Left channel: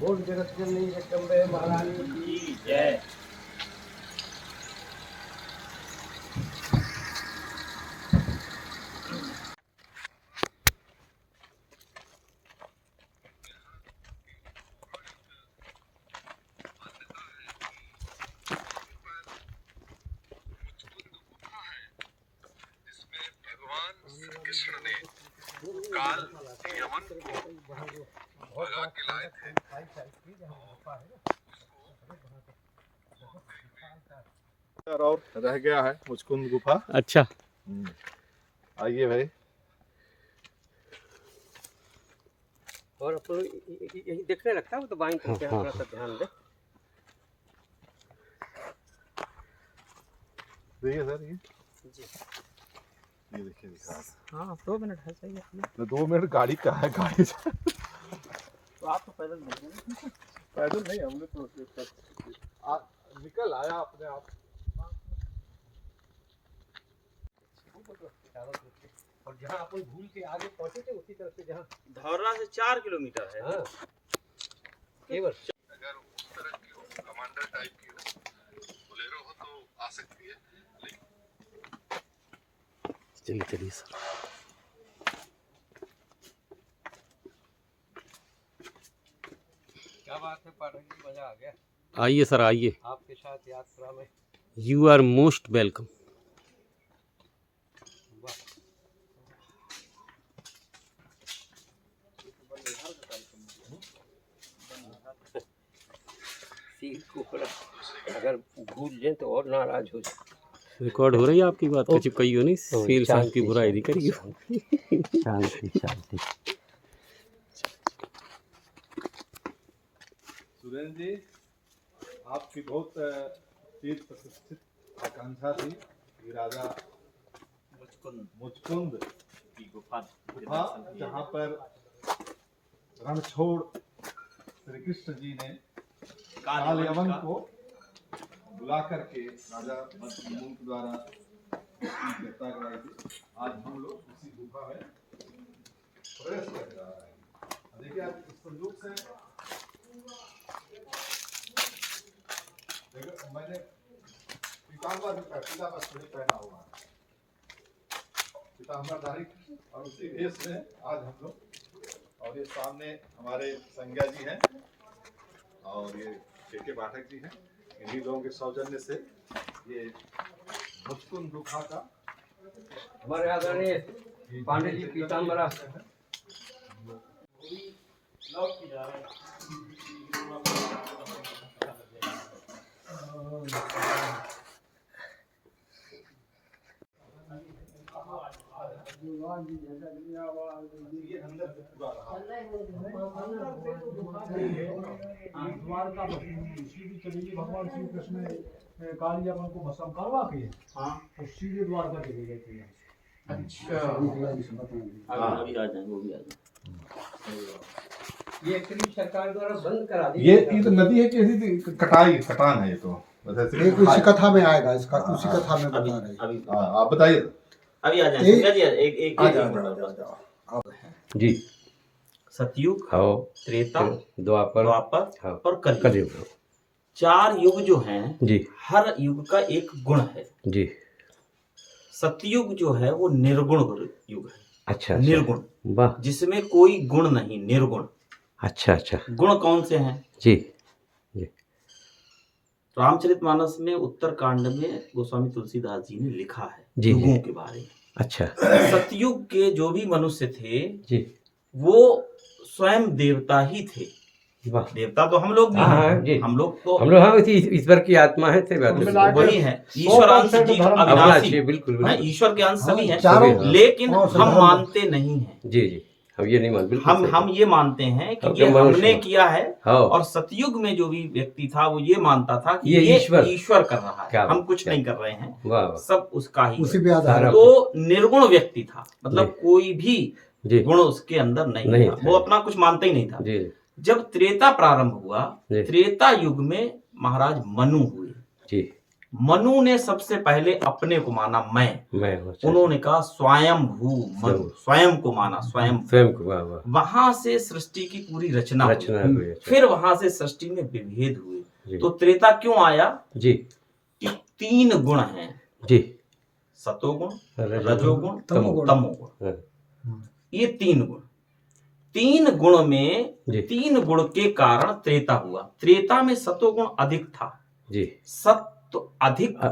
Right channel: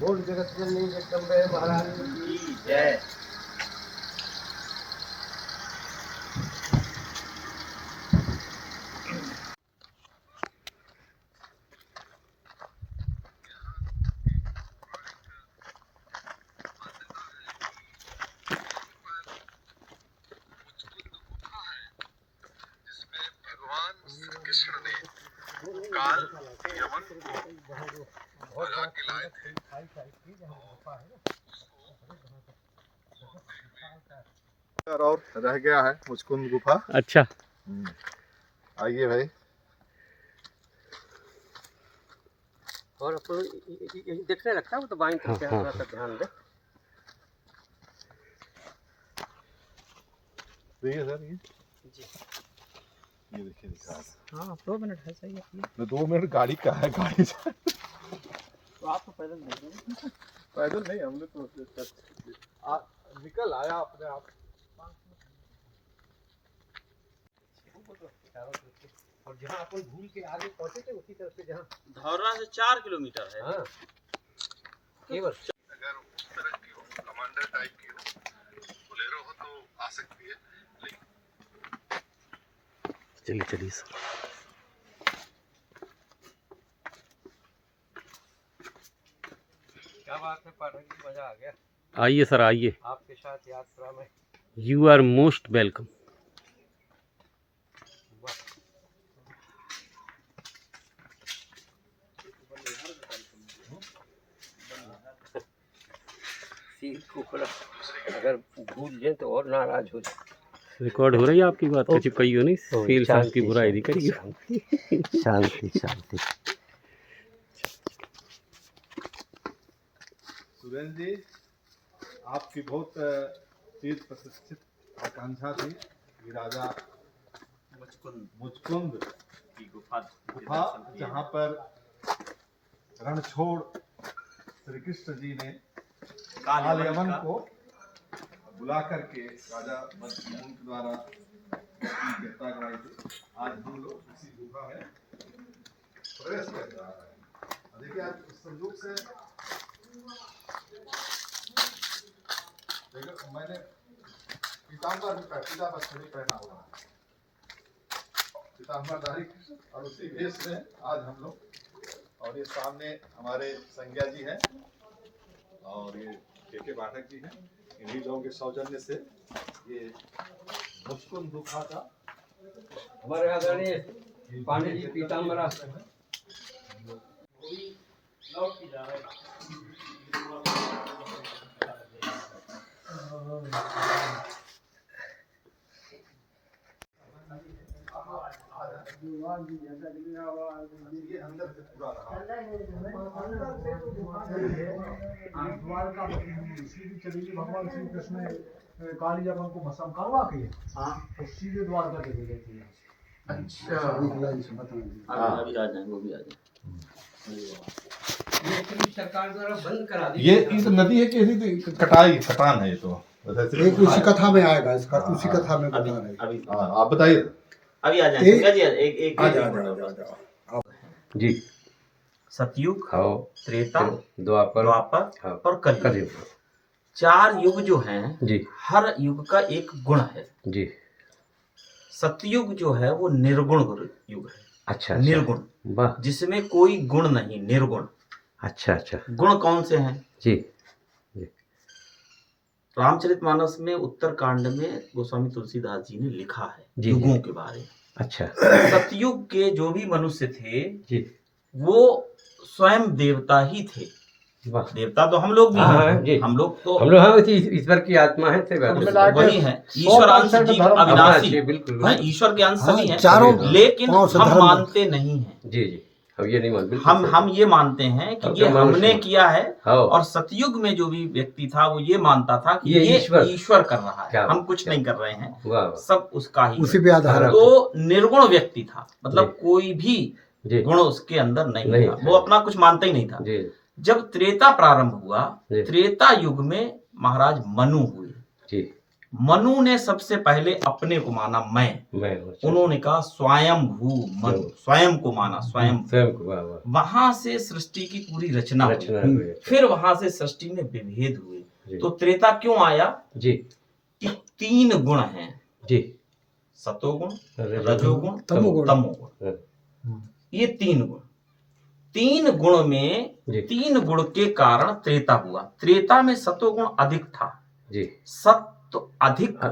बोल जगत जननी जगदम्बे महारानी की जय। कृष्ण ने काल यमन को भगा के लाए थे। और रह गया है मुचकुंद गुफा। अच्छा, आइए भाई। और अपन यही देखने लगता है वो तो बाइंग करके थोड़ा सा ध्यान दे। देखिए सर ये देखिए दिखा रहा। हाँ 2 मिनट है सही है। तो 2 मिनट गाड़ी का है, गाड़ी से तो आप तो पैदल देख रहे हैं। पैदल नहीं, हमने प्रोसेस कर निकल आया अपने आप। और जहाँ अपन घूम के आगे पहुँचे थे उसी तरफ से जहाँ धौरना से 4 किलोमीटर है। हाँ केवल अगर उस तरह की हो, कमांडर टाइप की हो, बोलेरो हो तो आ सकती है। चलिए चलिए सर। क्या बात है पाठक जी, मजा आ गया। आइए सर आइए, आपके साथ यात्रा में। You are most welcome. अगर भूल जाए तो और नाराज हो जाए। रिकॉर्ड हो रही है आपकी बात, कुछ कही हो नहीं, सील साहब की बुराई नहीं करिए। शांति शांति। सुरेंद्र जी, आपकी बहुत चीज प्रतिष्ठित आकांक्षा थी कि राजा मुचकुंद की गुफा जहाँ पर रणछोड़ श्री कृष्ण जी ने काल यमन को बुला करके राजा मुचकुंद द्वारा गिरफ्तार कराई थी। आज हम लोग इसी गुफा में प्रवेश कर जा रहे हैं। देखिए आज इस संदूक से देखो, मैंने पीताम्बर पहना हुआ है, पीताम्बरधारी कृष्ण, और उसी भेष में आज हम लोग। और ये सामने हमारे संज्ञा जी हैं और ये के पाठक जी हैं। इन्हीं लोगों के सौजन्य से ये मुचकुंद गुफा का हमारे आदरणीय पांडे जी पीताम्बरा ये अंदर से पूरा रहा। द्वार का सीधी चलेगी, भगवान श्री कृष्ण ने काली यमन को भस्म करवा के तो सीधे द्वार का चले गए थे। अच्छा, अभी आ जाएंगे, वो भी आ जाएंगे। ये एक्चुअली सरकार द्वारा बंद करा दी। ये तो नदी है कि कटान है। ये तो एक उसी कथा में आएगा, इसका उसी कथा में बता रहे। अभी आप बताइए। अभी आ जाएंगे जी। एक मिनट जी। सतयुग, त्रेता, द्वापर और कलयुग, 4 युग जो हैं जी। हर युग का एक गुण है जी। सतयुग जो है वो निर्गुण युग है। अच्छा, निर्गुण, वाह, जिसमें कोई गुण नहीं, निर्गुण। अच्छा अच्छा। गुण कौन से हैं जी। रामचरितमानस में उत्तर कांड में गोस्वामी तुलसीदास जी ने लिखा है जी, युगों जी। के बारे में। अच्छा। सतयुग के जो भी मनुष्य थे जी, वो स्वयं देवता ही थे। वाह, देवता तो हम लोग भी हैं। जी। हम लोग हाँ ईश्वर की आत्मा है, वही है, ईश्वरांश जीव अविनाशी। बिल्कुल हाँ, ईश्वर के अंश सभी हैं, चारों, लेकिन हम मानते नहीं हैं। जी जी, हम ये नहीं मानते। हम ये मानते हैं कि ये हमने किया है। हाँ। और सतयुग में जो भी व्यक्ति था वो ये मानता था कि ये ईश्वर कर रहा है, हम कुछ नहीं कर रहे हैं, सब उसका ही उसी पे आधार। तो निर्गुण व्यक्ति था, मतलब कोई भी गुण उसके अंदर नहीं था, वो अपना कुछ मानता ही नहीं था। जब त्रेता प्रारंभ हुआ, त्रेता युग में महाराज मनु हुए। मनु ने सबसे पहले अपने को माना मैं, उन्होंने कहा स्वयं भू मनु, स्वयं को माना, स्वयं को, वहां से सृष्टि की पूरी रचना हुई। फिर वहां से सृष्टि में विभेद हुए। तो त्रेता क्यों आया जी? कि 3 गुण हैं जी, सतोगुण, रजोगुण, तमोगुण। ये 3 गुण, 3 गुण में 3 गुण के कारण त्रेता हुआ। त्रेता में सतोगुण अधिक था जी, सत्व अधिक था,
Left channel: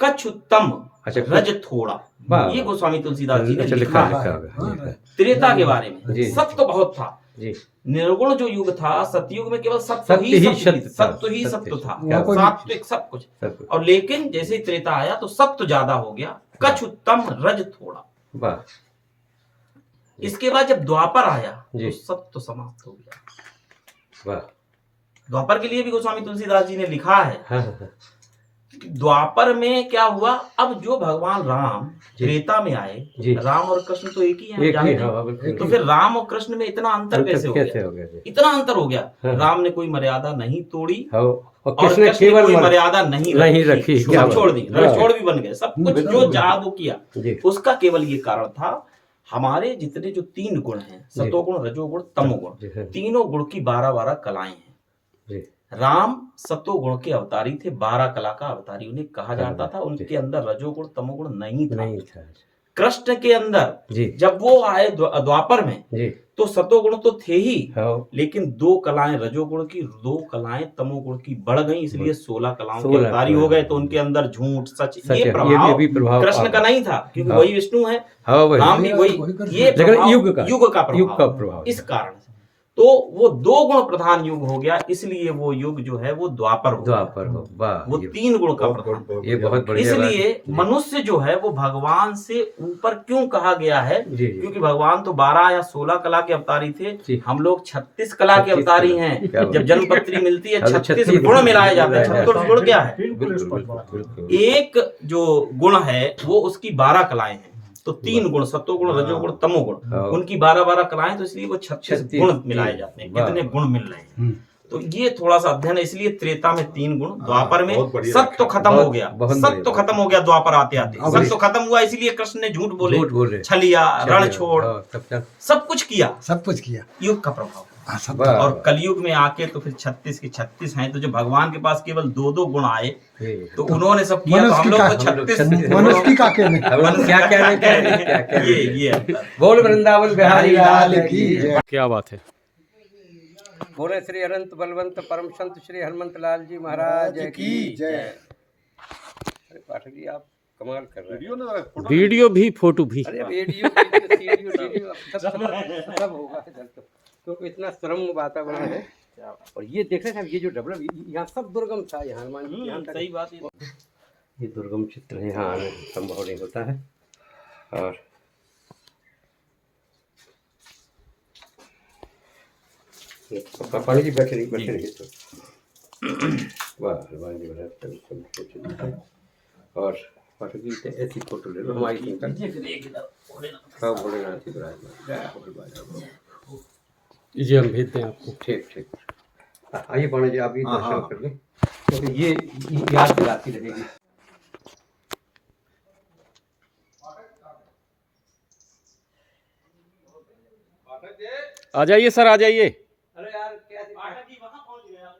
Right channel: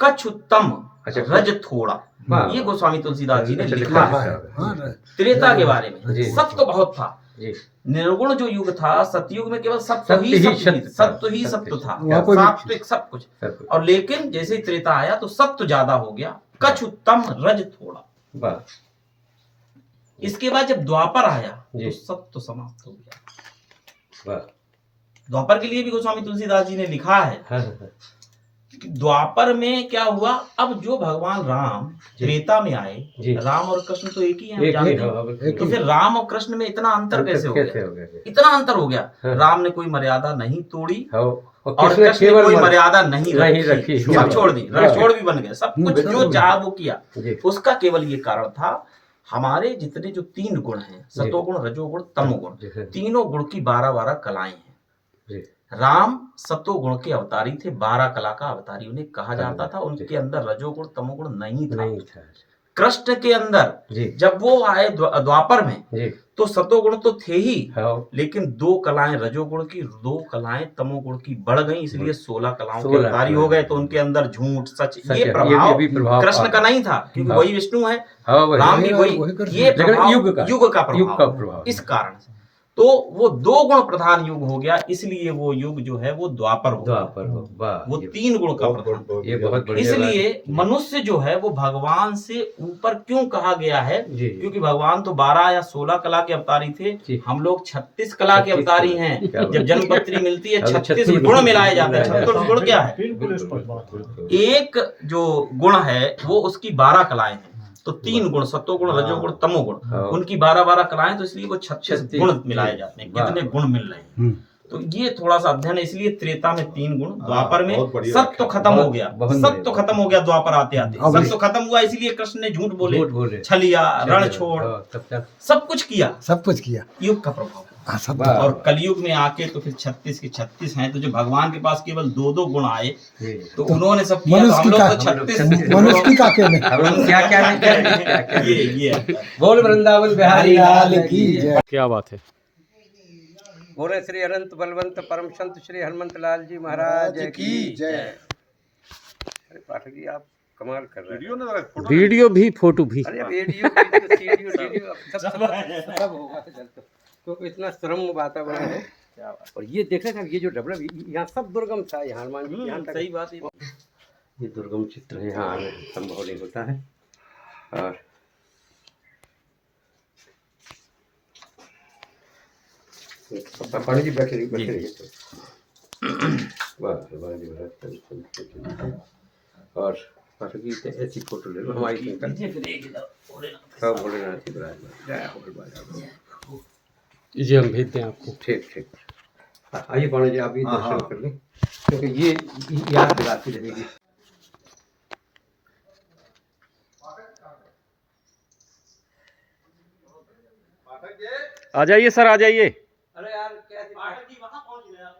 कछुत्तम, रज थोड़ा। ये गोस्वामी तुलसीदास जी ने लिखा है त्रेता के बारे में। सत्व बहुत था, निर्गुण जो युग था, सतयुग में केवल सत्व ही सत्व था, सात्विक सब कुछ। और लेकिन जैसे ही त्रेता आया तो सत्व ज्यादा हो गया, कछुत्तम, रज थोड़ा। इसके बाद जब द्वापर आया तो सत्व समाप्त हो गया। द्वापर के लिए भी गोस्वामी तुलसीदास जी ने लिखा है कि द्वापर में क्या हुआ, अब जो भगवान राम त्रेता में आए, राम और कृष्ण तो एक ही हैं, हम जानते हैं। तो फिर राम और कृष्ण में इतना अंतर कैसे हो गया? इतना अंतर हो गया। राम ने कोई मर्यादा नहीं तोड़ी और कृष्ण ने कोई मर्यादा नहीं रखी, सब छोड़ दी, रणछोड़ भी बन गए, सब कुछ जो चाहा वो किया। उसका केवल ये कारण था, हमारे जितने जो 3 गुण हैं, सतोगुण, रजोगुण, तमोगुण, तीनों गुण की 12 कलाएं हैं। राम सतोगुण के अवतारी थे, 12 कला का अवतारी उन्हें कहा जाता था। उनके अंदर रजोगुण तमोगुण नहीं था। कृष्ण के अंदर जब वो आए द्वापर में तो सतोगुण तो थे ही, लेकिन 2 कलाएं रजोगुण की, 2 कलाएं तमोगुण की बढ़ गई, इसलिए 16 कलाओं के अवतारी हो गए। तो उनके अंदर झूठ सच ये प्रभाव कृष्ण का नहीं था, क्योंकि वही विष्णु है, राम भी वही, ये युग का प्रभाव। इस कारण से तो वो 2 गुण प्रधान युग हो गया, इसलिए वो युग जो है वो द्वापर हो गया। वो 3 गुण का प्रधान। इसलिए मनुष्य जो है वो भगवान से ऊपर क्यों कहा गया है? क्योंकि भगवान तो 12 या 16 कला के अवतारी थे, हम लोग 36 कला के अवतारी हैं। जब जन्मपत्री मिलती है 36 गुण मिलाए जाते हैं। 36 गुण क्या है? एक जो गुण है वो उसकी 12 कलाएं हैं। तो 3 गुण, सत्वगुण, रजोगुण, तमोगुण, उनकी 12 कलाएं, तो इसलिए वो 36 गुण मिलाए जाते हैं। कितने गुण मिल रहे हैं, तो ये थोड़ा सा अध्ययन है। इसलिए त्रेता में 3 गुण, द्वापर में सत्व खत्म हो गया, सत्व खत्म हो गया द्वापर आते आते, सत्व खत्म हुआ, इसलिए कृष्ण ने झूठ बोले, छलिया, रण छोड़, सब कुछ किया, युग का प्रभाव। और कलयुग में आके तो फिर 36 के 36 हैं। तो जो भगवान के पास केवल 2 गुण आए तो उन्होंने सब किया, तो हम लोग तो 36 ये बोल वृंदावन बिहारी लाल की। क्या बात है। बोले श्री अनंत बलवंत परम संत श्री हनुमंत लाल जी महाराज की जय। अरे पाठक जी आप कमाल कर रहे हैं। वीडियो भी फोटो भी, अरे वीडियो सब होगा तो इतना सुरम्य वातावरण है। और ये देख रहे थे, ये जो डेवलप, यहाँ सब दुर्गम था, यहाँ हनुमान जी यहाँ तक। सही बात है, ये दुर्गम चित्र है, यहाँ संभव नहीं होता है। और पानी जी बैठे रहिए तो वाह हनुमान जी महाराज। और पाठक जी ऐसी फोटो ले लो हमारी, सब भोलेनाथ जी विराजमान। जी हम भेजते हैं आपको। ठीक आइए पाणी जी, आप ये दर्शन कर लें, क्योंकि ये याद दिलाती रहेगी। आ जाइए सर, आ जाइए। अरे यार क्या पाठक जी वहां पहुंच गए आप।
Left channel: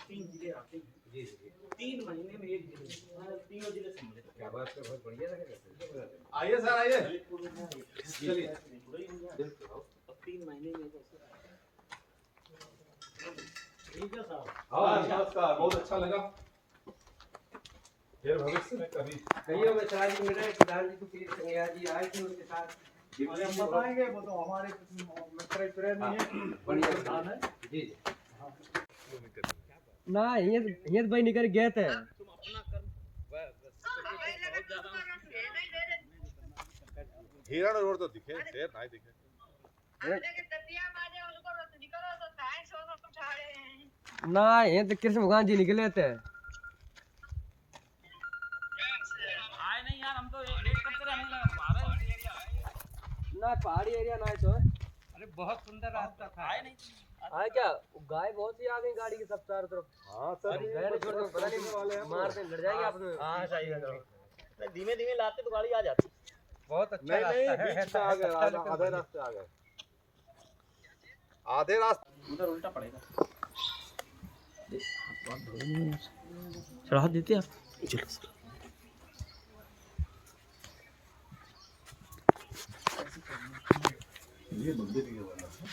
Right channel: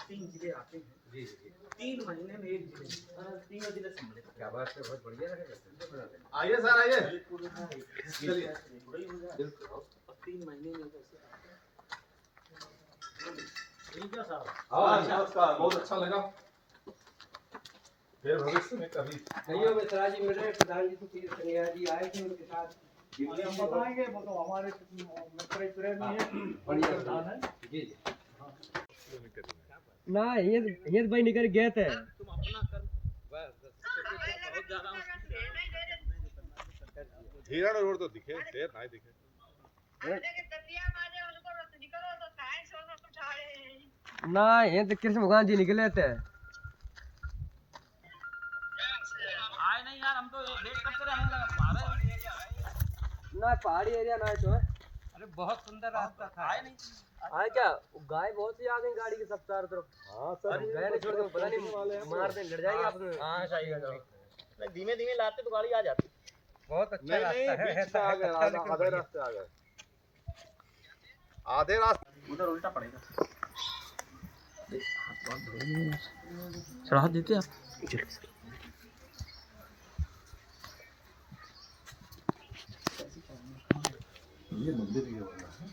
तीन जिले आते हैं जी, 3 महीने में एक जिले, तीनों जिले सम्मिलित। क्या बात है, बहुत बढ़िया रहेगा। आइए सर आइए, चलिए 3 महीने में नमस्कार, बहुत अच्छा लगा। फिर भविष्य में कभी कईयों में सराज जी मिले, प्रधान जी को पीर संज्ञा जी आए थे, उनके साथ बताएंगे, वो तो हमारे मित्र में है। बढ़िया जी ना ये भाई निकल गए थे। तुम अपना कर्म बहुत ज्यादा हिरण और तो दिखे, शेर नहीं दिखे। ना ये तो कृष्ण भगवान जी निकले थे। आए नहीं यार, हम तो वेट करते रहे, हमें लगा ना पहाड़ी एरिया ना है तो है। अरे बहुत सुंदर रास्ता था। आए नहीं। हाँ क्या गाय बहुत ही आ गई गाड़ी की सब चारों तरफ। हाँ सर, गए छोड़ दो, पता नहीं मार दे लड़ जाएगी आपको। हाँ सही है। नहीं धीमे धीमे लाते तो गाड़ी आ जाती। बहुत अच्छा रास्ता है। बीच से आ गए, आधे रास्ते आ गए, आधे रास्ते। उधर उल्टा पड़ेगा। चढ़ा देते आप। ये मंदिर ये वाला है,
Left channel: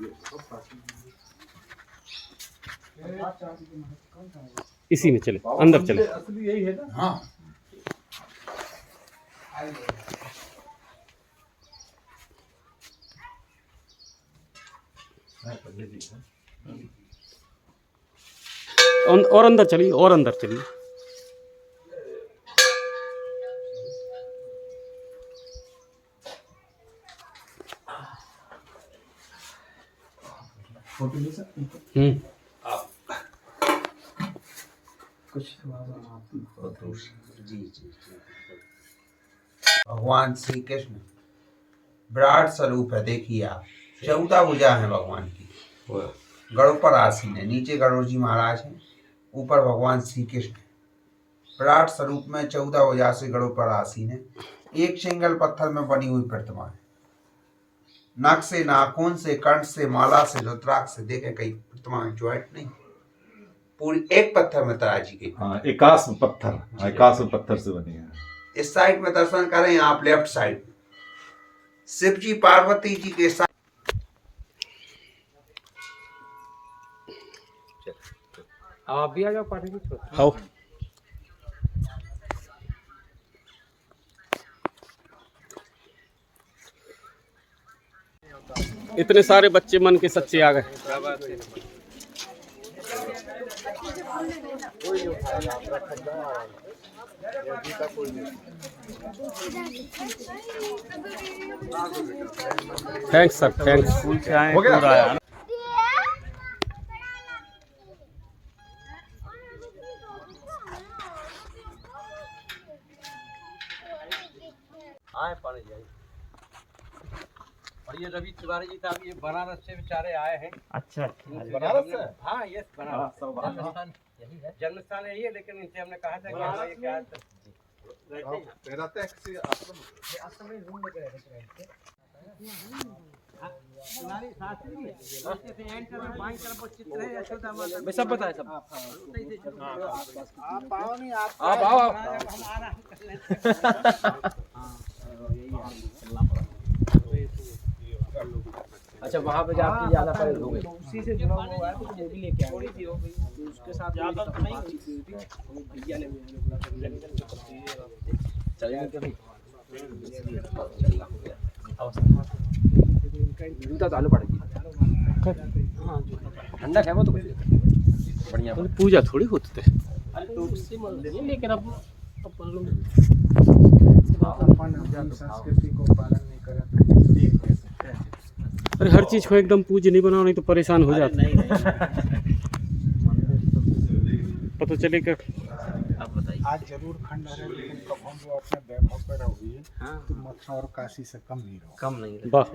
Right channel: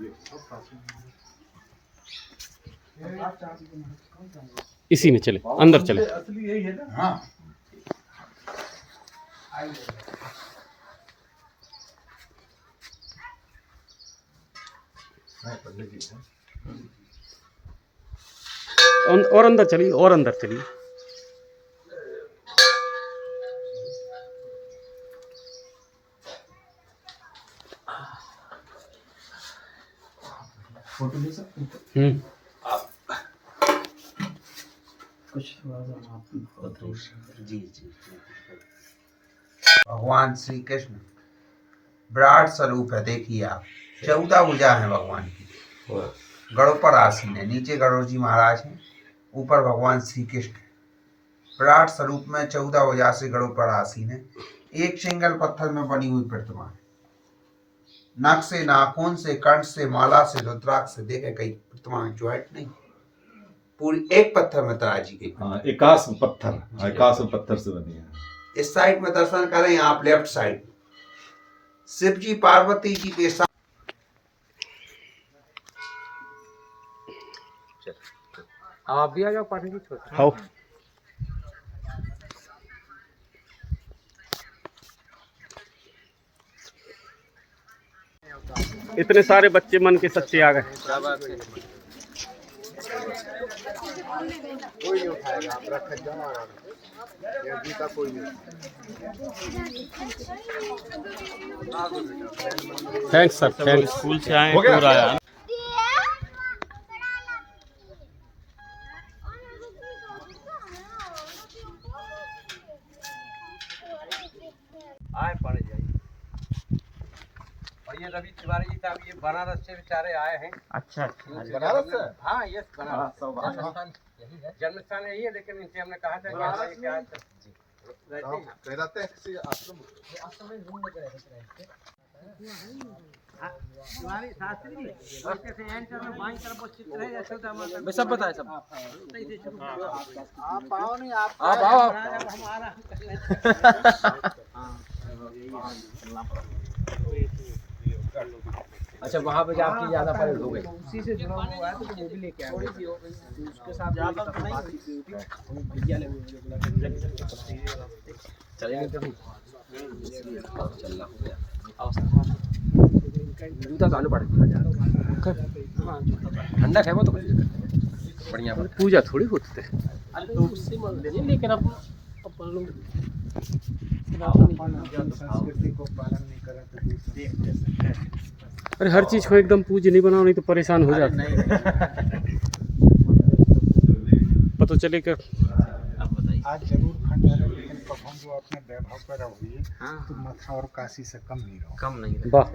ये बहुत प्राचीन इसी में चले, अंदर चले। असली यही है ना। हाँ पंडित जी है। और अंदर चलिए, और अंदर चलिए। फोटो ले सकते हैं कुछ जी। भगवान श्री कृष्ण विराट स्वरूप है। देखिए आप, 14 भुजा है भगवान की। गरुड़ पर आसीन है, नीचे गरुड़ जी महाराज हैं, ऊपर भगवान श्री कृष्ण है। विराट स्वरूप में 14 भुजा से गरुड़ पर आसीन है। एक सिंगल पत्थर में बनी हुई प्रतिमा है। नाक से, नाखून से, कंठ से, माला से, रुद्राक्ष से, देखे कई प्रतिमा में ज्वाइंट नहीं, पूरी एक पत्थर में तराजी गई। हाँ, एकाश पत्थर, एकाश पत्थर से बनी है। इस साइड में दर्शन करें आप, लेफ्ट साइड शिव जी पार्वती जी के साथ। आप भी आ जाओ पार्टी जी। आओ। इतने सारे बच्चे मन के सच्चे आ गए। क्या बात है। कोई नहीं उठाएगा, आप रख जाओ, जूता कोई नहीं। Thanks sir, thanks. स्कूल से आए हो गया? पूरा आया। आए पढ़ जाइए। और ये रवि तिवारी जी साहब, ये बनारस से बेचारे आए हैं। अच्छा बनारस से? हाँ यस बनारस। जन्मस्थान यही है। जन्मस्थान यही है, लेकिन इनसे हमने कहा था कि हमारे क्या रहते हैं। रहते हैं किसी आश्रम में? आश्रम में घूमने के रहते थे। तुम्हारी शास्त्री जी इसके से एंटर में बाईं तरफ वो चित्र है, ऐसे तो हम सब पता है सब। आप आओ नहीं, आप आओ। अच्छा वहाँ पे जाके ज्यादा फायदा हो गई। उसी से जुड़ा हुआ है तो वो भी लेके आया। थोड़ी सी हो गई उसके साथ ज्यादा तो नहीं भैया ने चलेंगे कभी। जूता चालू पड़ेगा। ठंडक है वो तो बढ़िया। पूजा थोड़ी होती थे। उससे लेकिन अब संस्कृति को पालन नहीं करें तो देख नहीं सकते। अरे हर चीज को एकदम पूज्य नहीं बनाओ, नहीं तो परेशान हो जाते। नहीं पता चले कि अब बताइए। आज जरूर खंड है, लेकिन कब हम जो अपने वैभव पर रहोगे तो मथुरा और काशी से कम नहीं रहो। कम नहीं वाह।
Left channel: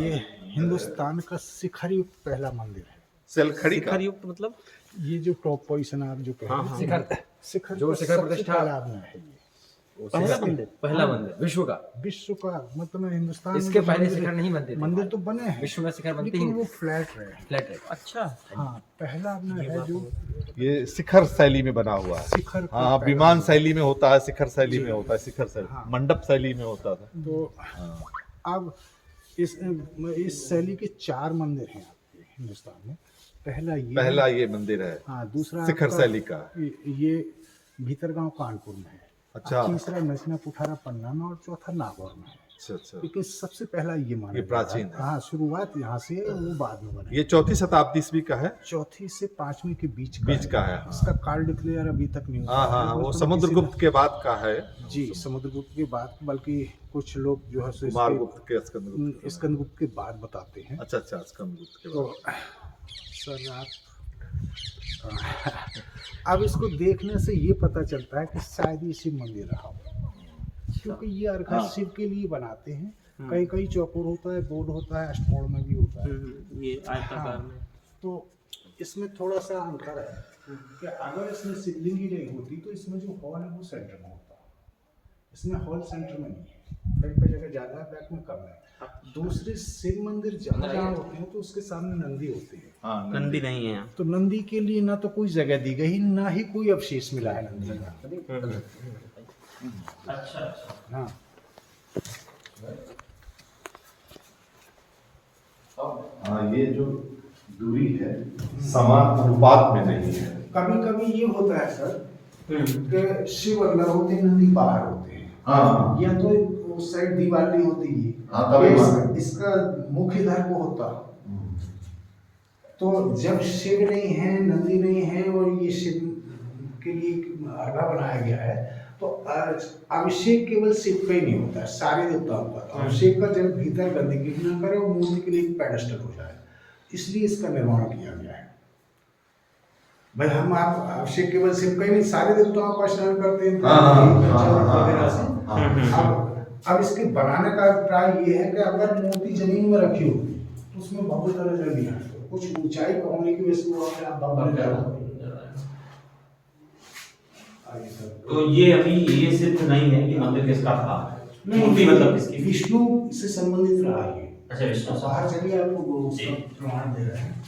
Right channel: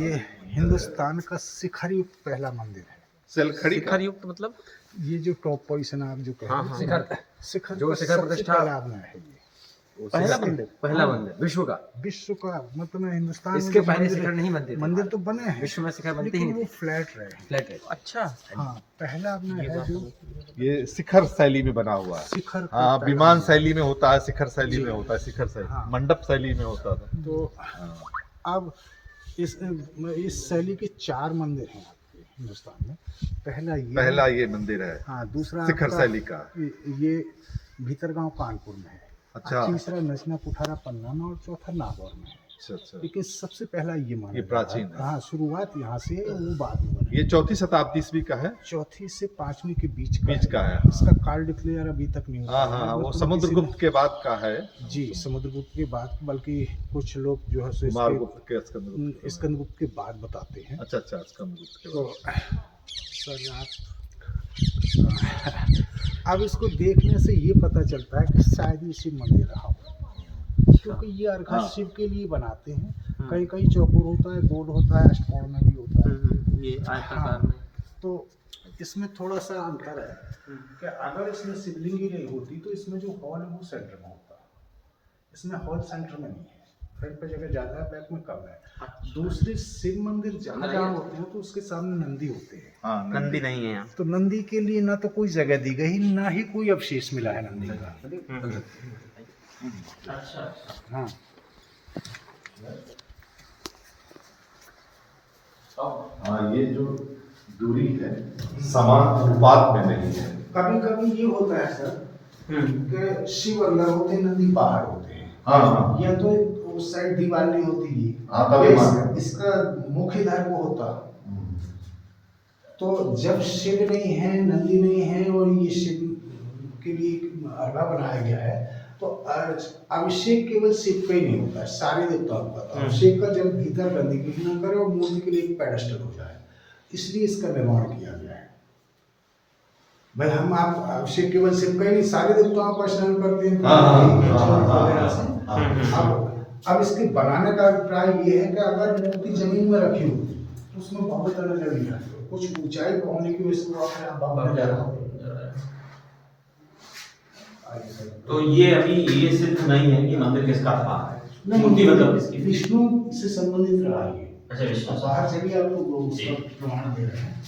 ये हिंदुस्तान का शिखर युक्त पहला मंदिर है। शिखर युक्त मतलब ये जो टॉप पोजीशन आप जो कह रहे हैं, शिखर जो शिखर प्रतिष्ठा लाभ में है। ये पहला मंदिर विश्व का। विश्व का मतलब हिंदुस्तान में इसके जो पहले मंदिर शिखर है, नहीं बनते थे। मंदिर तो बने हैं विश्व में शिखर बनते ही लेकिन नहीं वो फ्लैट रहे। फ्लैट है। अच्छा हाँ, पहला अपना है जो ये शिखर शैली में बना हुआ है। शिखर का हाँ, पहला विमान मंदिर। शैली में होता है, शिखर शैली में होता है, शिखर शैली, हाँ। मंडप शैली में होता था। तो अब इस शैली के 4 मंदिर हैं आपके हिंदुस्तान में। पहला ये मंदिर है। हाँ, दूसरा शिखर आपका शैली का। ये भीतरगांव कानपुर में है। अच्छा। तीसरा नचना कुठारा पन्ना में और चौथा नागौर में है। अच्छा। लेकिन सबसे पहला ये माना ये जाता प्राचीन है। है। हाँ, शुरुआत यहाँ से है, वो बाद में बना। ये 4वीं शताब्दी ईस्वी का है। 4वीं से 5वीं के बीच का है। इसका काल डिक्लेयर अभी तक नहीं हुआ हाँ है। हाँ, वो मतलब समुद्रगुप्त के बाद का है। जी, समुद्रगुप्त के बाद, बल्कि कुछ लोग जो है सो कुमारगुप्त के स्कंदगुप्त स्कंदगुप्त के बाद बताते हैं। अच्छा, स्कंदगुप्त के तो बाद। सर आप अब इसको देखने से ये पता चलता है कि शायद ये शिव मंदिर रहा हो, क्योंकि ये अर्घा शिव के लिए बनाते हैं। कहीं कहीं चौकोर होता है, गोल होता है, अष्टकोण में भी होता है। ये आयताकार में। तो इसमें थोड़ा सा अंतर है कि अगर इसमें शिवलिंग ही नहीं होती तो इसमें जो हॉल है वो सेंटर में होता। इसमें हॉल सेंटर में नहीं है, फ्रंट पे जगह ज़्यादा है, बैक में कम है। दूसरे शिव मंदिर जहाँ जहाँ होते हैं तो उसके सामने नंदी होते हैं। हाँ, नंदी नहीं है। तो नंदी के लिए ना तो कोई जगह दी गई, ना ही कोई अवशेष मिला है नंदी का। अच्छा। हाँ, हाँ, ये जो दूरी है समान अनुपात में नहीं है। कभी कभी ये होता है सर कि शिव अंदर होते हैं, नंदी बाहर होते हैं। हाँ, या तो उस साइड दीवार नहीं होती है, हाँ, तब या मान। इसका मुख्य इधर को होता। तो जब शिव नहीं है, नंदी नहीं है, और ये शिव के लिए अर्घा बनाया गया है, तो अभिषेक केवल शिव का ही नहीं होता है, सारे देवताओं का। तो अभिषेक का जब भीतर गंदगी न करे और मूर्ति के लिए एक पेडेस्टल हो जाए, इसलिए इसका निर्माण किया गया है। भाई हम आप अभिषेक केवल शिव का ही नहीं, सारे देवताओं का स्नान करते हैं वगैरह से। अब इसके बनाने का अभिप्राय ये है कि अगर मूर्ति जमीन में रखी होती तो उसमें बहुत तरह जल्दी है, कुछ ऊंचाई पर होने की वजह से वो अपने आप बंद जा रहा है। तो ये अभी ये सिद्ध नहीं है कि मंदिर किसका था। मूर्ति मतलब किसकी? विष्णु से संबंधित रहा है। अच्छा, विष्णु से। बाहर चलिए, आपको उसका प्रमाण दे रहे हैं।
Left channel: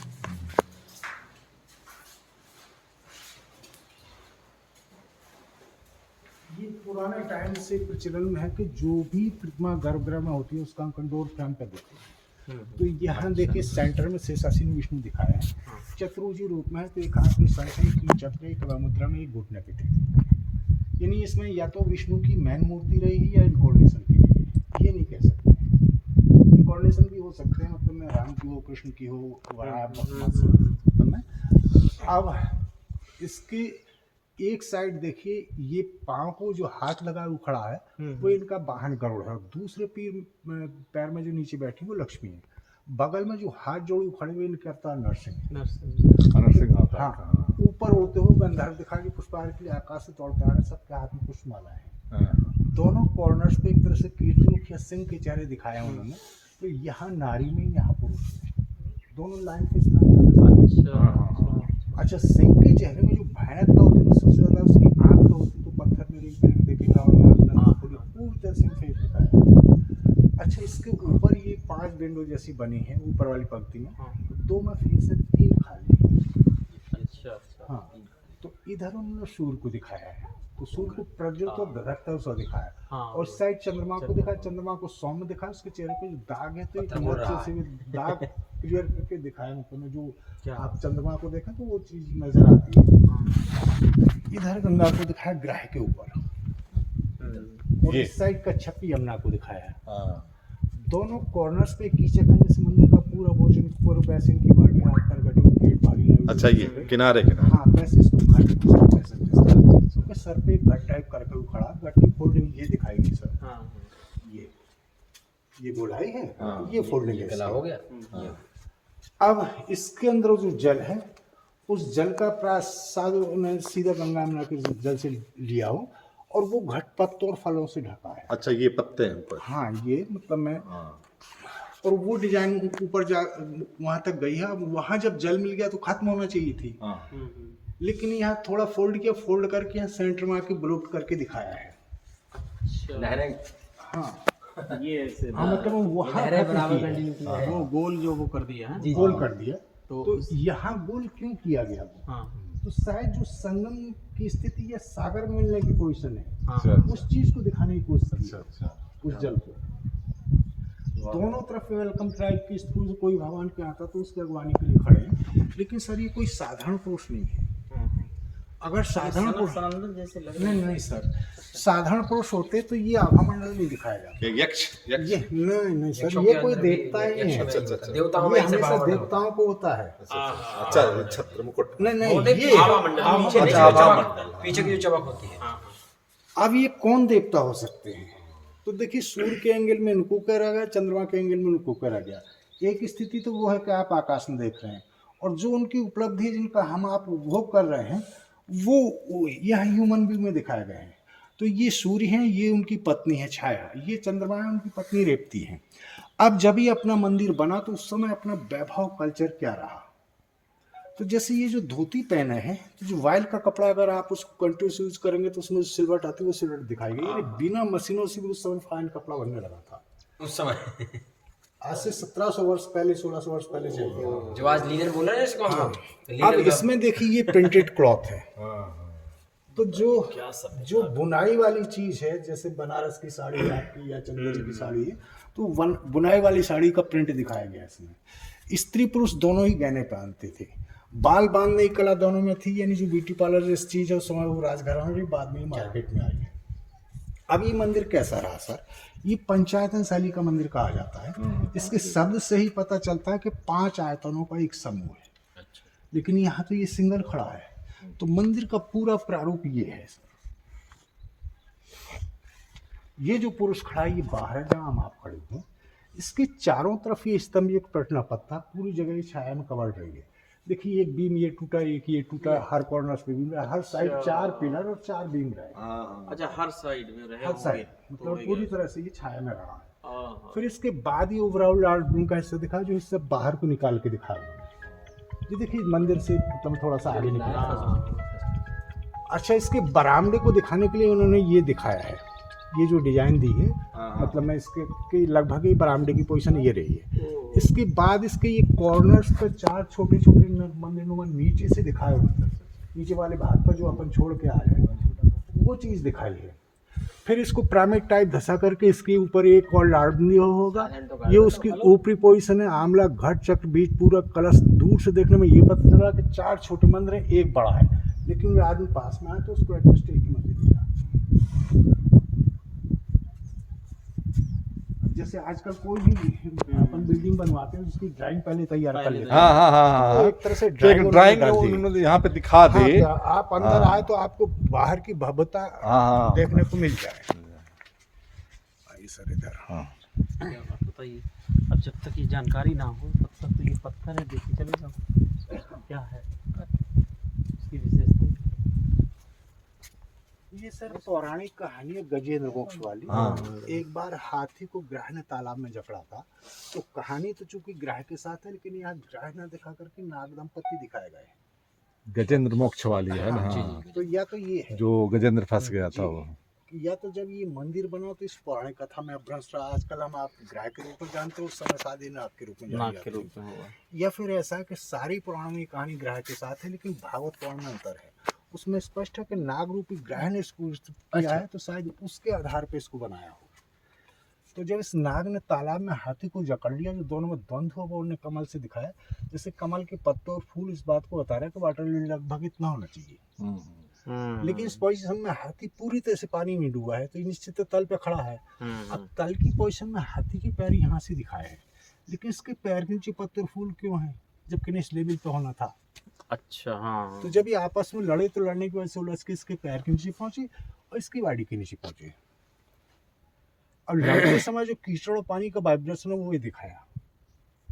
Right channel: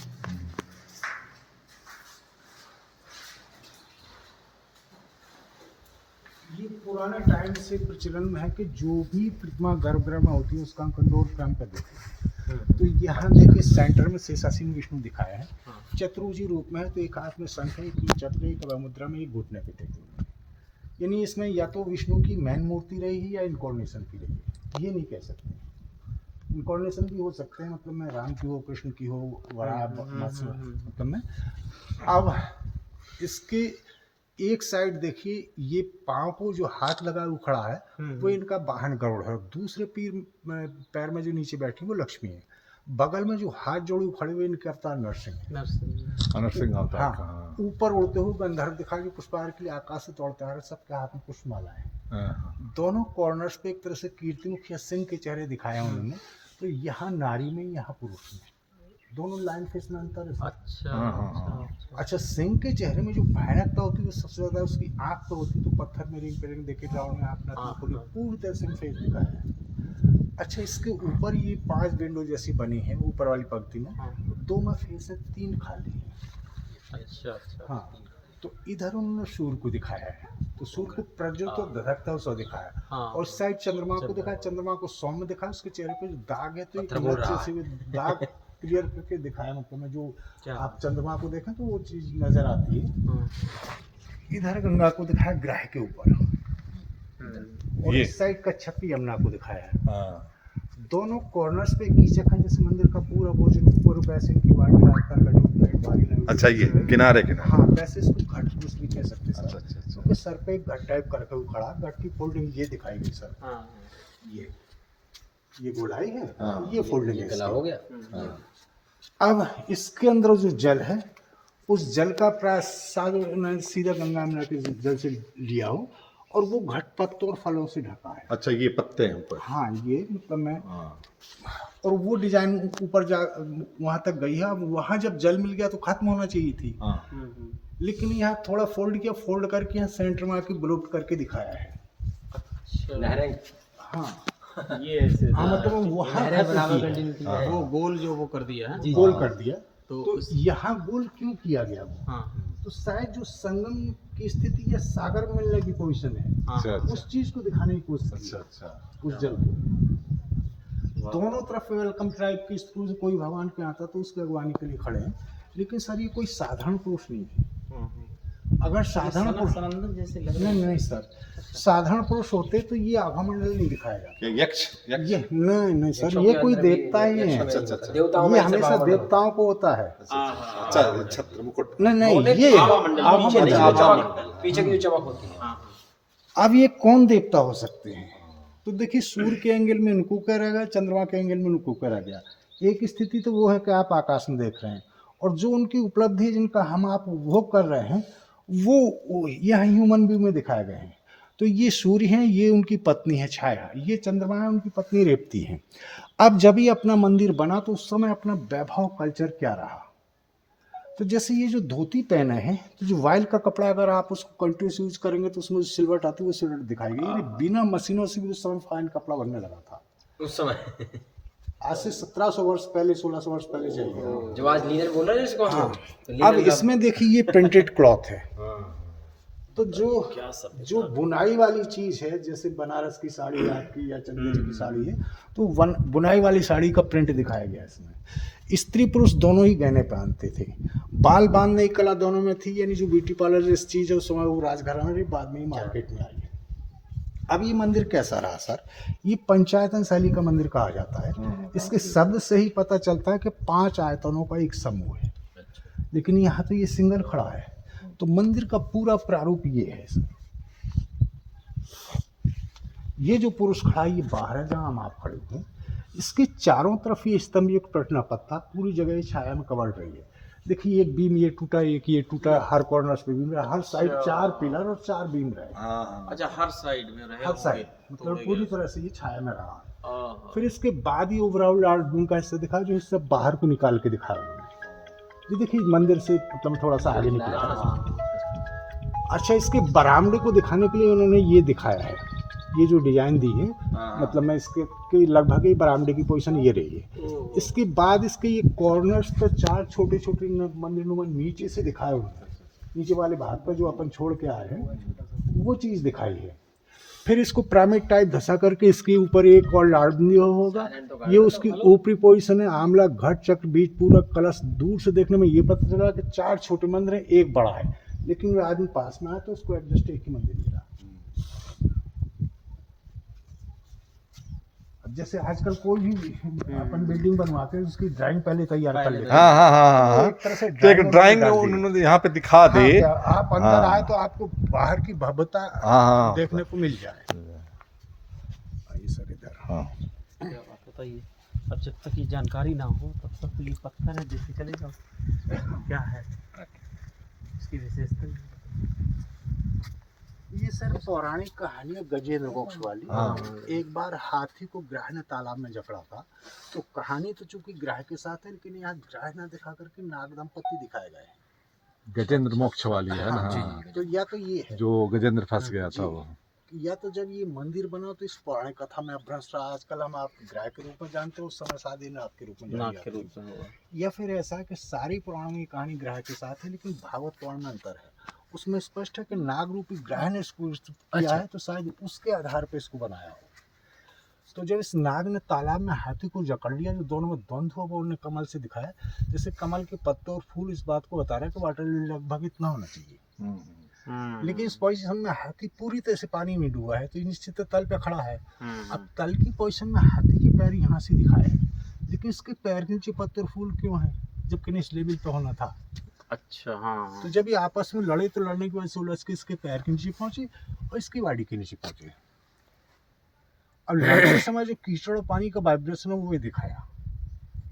ये पुराने टाइम से प्रचलन में है कि जो भी प्रतिमा गर्भगृह में होती है उसका अंकन डोर फ्रेम कर देते हैं। तो यहाँ देखिए सेंटर में शेषासीन विष्णु दिखाया है, चतुर्भुजी रूप में है। तो एक हाथ में शंख है, एक चक्र, एक मुद्रा में, एक घुटने पे टेक। यानी इसमें या तो विष्णु की मेन मूर्ति रहेगी या इनकॉर्नेशन की रहेगी, ये नहीं कह सकते। इनकॉर्नेशन भी हो सकते हैं, मतलब में राम की हो, कृष्ण की हो, मतलब में। अब इसके एक साइड देखिए, ये पाँव को जो हाथ लगा वो खड़ा है वो इनका वाहन गरुड़ है। दूसरे पैर में जो नीचे बैठी वो लक्ष्मी है। बगल में जो हाथ जोड़े खड़े हुए इनके अवतार नरसिंह। हाँ, ऊपर उड़ते हुए गंधर्व दिखा के पुष्पहार के लिए आकाश से तोड़ते आ रहे, सबके हाथ में पुष्पमाला है। दोनों कॉर्नर्स पे एक तरह से कीर्ति या सिंह के चेहरे दिखाए उन्होंने। तो यहाँ नारी में, यहाँ पुरुष में, दोनों लाइन पे इसमें अंतर। अच्छा, सिंह के चेहरे में जो भयानकता होती है वो सबसे ज्यादा उसकी आँख तो होती है। तो पत्थर में रेंग देखिए रावण ने अपना पूरी तरह से फेस दिखाया है। अच्छा, इसके ऊपर ये 5 विंडो जैसी बनी है ऊपर वाली पंक्ति में, 2 में फेस है, 3 खाली है। अच्छा। हाँ, तो इधर उन्होंने सूर्य को दिखाया है, तो सूर्य को प्रज्वलित और धधकता हुआ दिखाया। और साइड चंद्रमा को दिखाया, चंद्रमा को सौम्य दिखाया, उसके चेहरे पे जो दाग है तो एक अच्छे से दाग क्लियर करके दिखाया। मतलब जो आप चंद्रमा को देखें तो वो चीज नजर आती है। इधर गंगा को दिखाया ग्रह के ऊपर, और इस साइड कच्छप यमुना को दिखाया है। दोनों कॉर्नर्स पे कीचक है, जैसे मंदिर का पूरा भोजन ऊपर वैसे इनकी बाटी हाथ पर गटी पेट भागी। अच्छा, ये किनारे हाँ, वैसे इसको घट कह सकते हैं। उसके सर पे एक घट टाइप करके वो खड़ा, घट की फोल्डिंग ये दिखाई गई सर। ये गोलाई है, ये फोल्डिंग है, हो गया। अब इसके अंदर जो जल है, उस जल का प्रसाद सीधा गंगा यमुना के जल से लिया हो, और वो घट पत्तों और फलों से ढका है। अच्छा, ये पत्ते हैं ऊपर। हाँ, ये मतलब मैं और वो डिजाइन ऊपर जा वहाँ तक गई है। वहाँ जब जल मिल गया तो खत्म होना चाहिए थी, लेकिन यहाँ थोड़ा फोल्ड किया, फोल्ड करके यहाँ सेंटर में आके ब्लॉक करके दिखाया है। हाँ, ये ऐसे हाँ, मतलब वहाँ वो गोल जो वो कर दिया है, गोल कर दिया। तो यहाँ गोल क्यों किया गया वो? तो शायद जो संगम की स्थिति या सागर में मिलने की पोजीशन है, उस चीज को दिखाने की कोशिश की। उस जल को दोनों तरफ वेलकम ट्राइब की स्त्री से कोई भगवान पे आता तो उसकी अगवानी के लिए खड़े हैं। लेकिन सर ये कोई साधारण पुरुष नहीं है, अगर साधारण पुरुष जैसे लग नहीं नहीं सर, साधारण पुरुष होते तो ये आभामंडल नहीं दिखाया जाता। क्या यक्ष यक्ष ये नहीं सर, ये कोई देवता ही नहीं है। अच्छा अच्छा अच्छा देवताओं ये में से हमेशा देवताओं को होता है। अच्छा छत्र मुकुट नहीं ये पीछे की जो चमक होती है। अब ये कौन देवता हो सकते हैं? तो देखिए, सूर्य के एंगल में इनको करा गया, चंद्रमा के एंगल में इनको करा गया। एक स्थिति तो वो है कि आप आकाश में देख रहे हैं, और जो उनकी उपलब्धि जिनका हम आप उपभोग कर रहे हैं वो यह ह्यूमन व्यू में दिखाए गए हैं। तो ये सूर्य हैं, ये उनकी पत्नी है छाया, ये चंद्रमा है, उनकी पत्नी रेवती है। अब जब ये अपना मंदिर बना तो उस समय अपना वैभव कल्चर क्या रहा? तो जैसे ये जो धोती पहने हैं, तो जो वाइल का कपड़ा अगर आप उसको कंटिन्यूस यूज करेंगे तो उसमें सिल्वर आती है, वो सिल्वर दिखाएगी। ये बिना मशीनों से भी उस समय फाइन कपड़ा बनने लगा था उस समय। आज से 1700 वर्ष पहले, 1600 वर्ष पहले चाहिए। जो आज लीनन बोल रहे हैं इसको हम। अब इसमें देखिए ये प्रिंटेड क्लॉथ है। तो जो बुनाई वाली चीज है, जैसे बनारस की साड़ी है आपकी या चंदेरी की साड़ी है, तो बुनाई वाली साड़ी का प्रिंट दिखाया गया इसमें। स्त्री पुरुष दोनों ही गहने पहनते थे। बाल बांधने की कला दोनों में थी, यानी जो ब्यूटी पार्लर जैसी चीज है उस समय वो राजघराने में, बाद में मार्केट में आई है। अब ये मंदिर कैसा रहा सर? ये पंचायतन शैली का मंदिर कहा जाता है। इसके शब्द से ही पता चलता है कि 5 आयतनों का एक समूह है। लेकिन यहाँ तो ये सिंगल खड़ा है। तो मंदिर का पूरा प्रारूप ये है सर। ये जो पुरुष खड़ा है ये बाहर है, जहाँ हम आप खड़े हैं। इसके चारों तरफ ये स्तंभ, एक टटना पत्ता, पूरी जगह ये छाया में कवर रही है। देखिए एक बीम ये टूटा, एक ये टूटा, हर कॉर्नर पे बीम रहा, हर साइड 4 पिलर और 4 बीम रहे। अच्छा, हर साइड में रहे, हर साइड मतलब पूरी तरह से ये छाया में रहा। फिर इसके बाद ये ओवरऑल आर्ट बीम का हिस्सा दिखा, जो हिस्सा बाहर को निकाल के दिखाया उन्होंने। ये देखिए मंदिर से मतलब थोड़ा सा आगे निकला। अच्छा, इसके बरामदे को दिखाने के लिए उन्होंने ये दिखाया है, ये जो डिजाइन दी है, मतलब मैं इसके लगभग ही बरामदे की पोजीशन ये रही है। इसके बाद इसके ये कॉर्नर्स पर 4 छोटे छोटे मंदिर नुमा नीचे से दिखाए उन्होंने। नीचे वाले भाग पर जो अपन छोड़ के आ रहे हैं वो चीज़ दिखाई है। फिर इसको पिरामिड टाइप धसा करके इसके ऊपर एक और लाडनी होगा, ये उसकी ऊपरी पोजीशन है। आमला घट चक्र बीच पूरा कलश, दूर से देखने में ये पता चला कि 4 छोटे मंदिर हैं, एक बड़ा है। लेकिन वो आदमी पास में आया तो उसको एडजस्ट एक ही मंदिर मिला। जैसे आजकल कोई भी अपन बिल्डिंग बनवाते हैं, उसकी ड्राइंग पहले तैयार कर लेते हैं। हाँ एक तरह से ड्राइंग उन्होंने यहाँ पे दिखा दे। आप अंदर आए तो आपको बाहर की भव्यता देखने को मिल जाए। आइए सर इधर। आप बताइए, अब जब तक ये जानकारी ना हो तब तक तो ये पत्थर है, देखते चले जाओ क्या है इसकी विशेषता। ये सर पौराणिक कहानी है गजेंद्र मोक्ष वाली। एक बार हाथी को ग्रह ने तालाब में जकड़ा था। तो कहानी तो चूंकि ग्रह के साथ है, लेकिन यहाँ ग्रह न दिखा करके नाग दंपत्ति दिखाए गए हैं। गजेंद्र मोक्ष वाली है ना। तो या तो ये है जो गजेंद्र फंस गया था वो, या तो जब ये मंदिर बना तो इस पौराणिक कथा में अभ्रंश रहा। आजकल हम आप ग्रह के रूप में जानते हो, उस समय शादी नाग के रूप में जानी जाती है। या फिर ऐसा है कि सारी पुराणों की कहानी ग्रह के साथ है, लेकिन भागवत पुराण में अंतर है। उसमें स्पष्ट है कि नाग रूपी ग्रह ने इसको किया है, तो शायद उसके आधार पर इसको बनाया हो। तो जब इस नाग ने तालाब में हाथी को जकड़ लिया, जो दोनों में द्वंद्व हुआ, वो उन्होंने कमल से दिखाया। जैसे कमल के पत्ते और फूल इस बात को बता रहे हैं कि वाटर लिली लगभग इतना होना चाहिए। लेकिन इस पोजीशन में हाथी पूरी तरह से पानी में डूबा है, तो निश्चित तल पे खड़ा है। अब तल की पोजीशन में हाथी के पैर यहाँ से दिखाए हैं, लेकिन इसके पैर के नीचे पत्ते और फूल क्यों हैं, जबकि इस लेवल पे होना था। अच्छा, हाँ। तो जब ये आपस में लड़े तो लड़ने की वजह से उलझ के इसके पैर के नीचे पहुंचे और इसकी बाड़ी के नीचे पहुंचे। और लड़ते समय जो कीचड़ और पानी का वाइब्रेशन है वो ये दिखाया।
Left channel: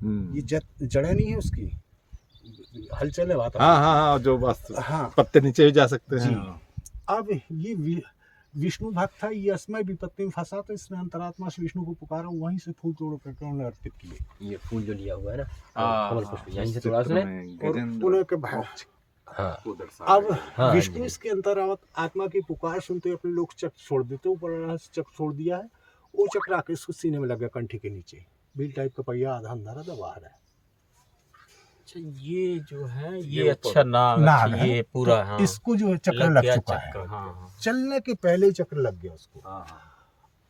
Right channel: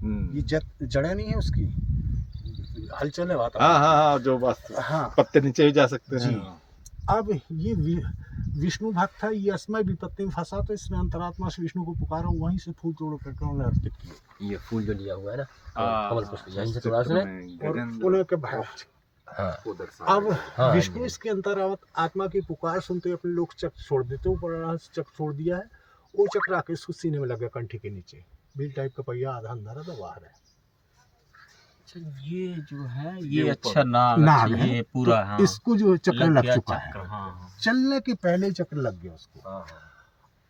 ये जड़ें नहीं है उसकी, हलचल है बात। हाँ, जो बस पत्ते नीचे भी जा सकते हैं। अब ये विष्णु भक्त था, ये असमय विपत्ति में फंसा, तो इसने अंतरात्मा से विष्णु को पुकारा, वहीं से फूल तोड़ करके उन्होंने अर्पित किए। ये फूल जो लिया हुआ है ना, कमल पुष्प, यहीं से तोड़ा उसने और उन्हें के भाई। अब विष्णु इसके अंतरावत आत्मा की पुकार सुनते अपने लोग चक्र छोड़ देते, ऊपर चक्र छोड़ दिया है। वो चक्र आके इसको सीने में लग गया, कंठी के नीचे बिल टाइप का पहिया, आधा अंदर आधा बाहर है। अच्छा, ये जो है ये अच्छा नाग है, ये पूरा। तो इसको जो चक्र लग चुका है, चलने के पहले चक्र लग गया उसको।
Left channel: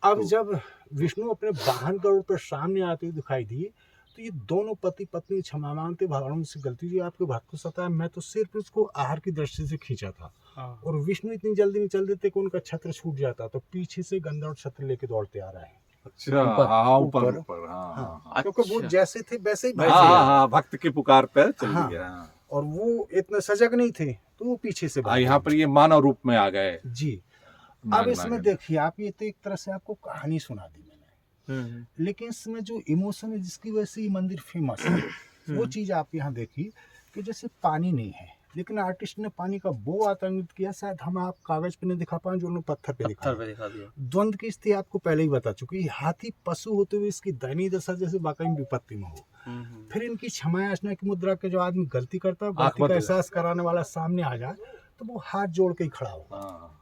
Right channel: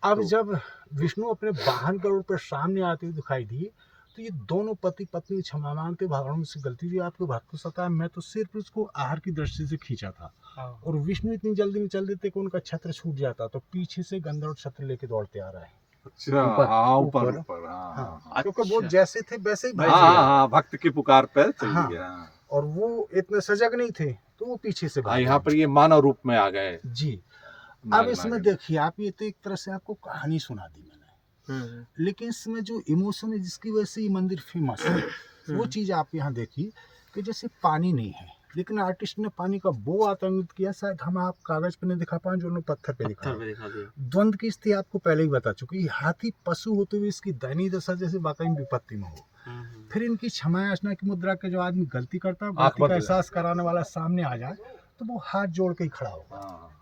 अब जब विष्णु अपने वाहन के रूप में सामने आते हुए दिखाई दिए, तो ये दोनों पति पत्नी क्षमा मांगते, भगवान से गलती हुई, आपके भक्त को सताया, मैं तो सिर्फ इसको आहार की दृष्टि से खींचा था। और विष्णु इतनी जल्दी में चल देते कि उनका छत्र छूट जाता, तो पीछे से गंधर्व छत्र लेके दौड़ते आ रहा है। अच्छा, हाँ, ऊपर हाँ, क्योंकि वो जैसे थे वैसे ही भक्त की पुकार पर चल गया। और वो इतने सजग नहीं थे, तो वो पीछे से यहाँ पर ये मानव रूप में आ गए जी। अब इसमें देखिए आप, ये तो एक तरह से आपको कहानी सुना दी मैंने, लेकिन इसमें जो इमोशन है जिसकी वजह से ये मंदिर फेमस है, वो चीज आप यहाँ देखिए कि जैसे पानी नहीं है, लेकिन आर्टिस्ट ने पानी का वो आतंकित किया, शायद हम आप कागज पे नहीं दिखा पाए, जो उन्होंने पत्थर पे दिखा दिया। द्वंद्व की स्थिति आपको पहले ही बता चुकी, हाथी पशु होते हुए इसकी दयनीय दशा जैसे वाकई विपत्ति में हो। फिर इनकी क्षमा याचना की मुद्रा के जो आदमी गलती करता है, गलती का एहसास कराने वाला सामने आ जाए, तो वो हाथ जोड़ के ही खड़ा होगा।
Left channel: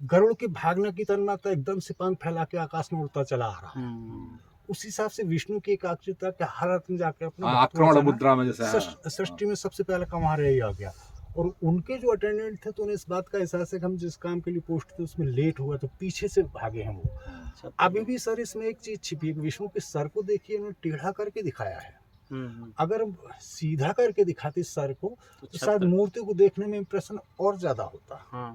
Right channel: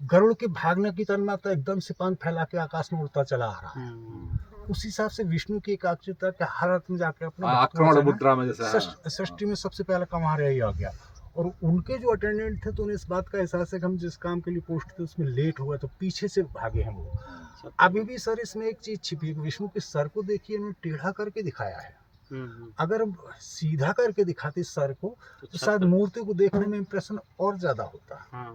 गरुड़ के भागने की तन्मात्रा एकदम से पंख फैला के आकाश में उड़ता चला आ रहा है। उस हिसाब से विष्णु की एकाग्रता के हर अर्थ में जाके अपने आक्रमण मुद्रा में जैसा सृष्टि में सबसे पहला काम हमारे यही आ गया। और उनके जो अटेंडेंट थे तो उन्हें इस बात का एहसास है कि हम जिस काम के लिए पोस्ट थे उसमें लेट हुआ, तो पीछे से भागे हैं वो। अभी भी सर इसमें एक चीज छिपी है, विष्णु के सर को देखिए उन्होंने टेढ़ा करके दिखाया है। अगर सीधा करके दिखाते सर को तो शायद मूर्ति को देखने में इंप्रेशन और ज्यादा होता।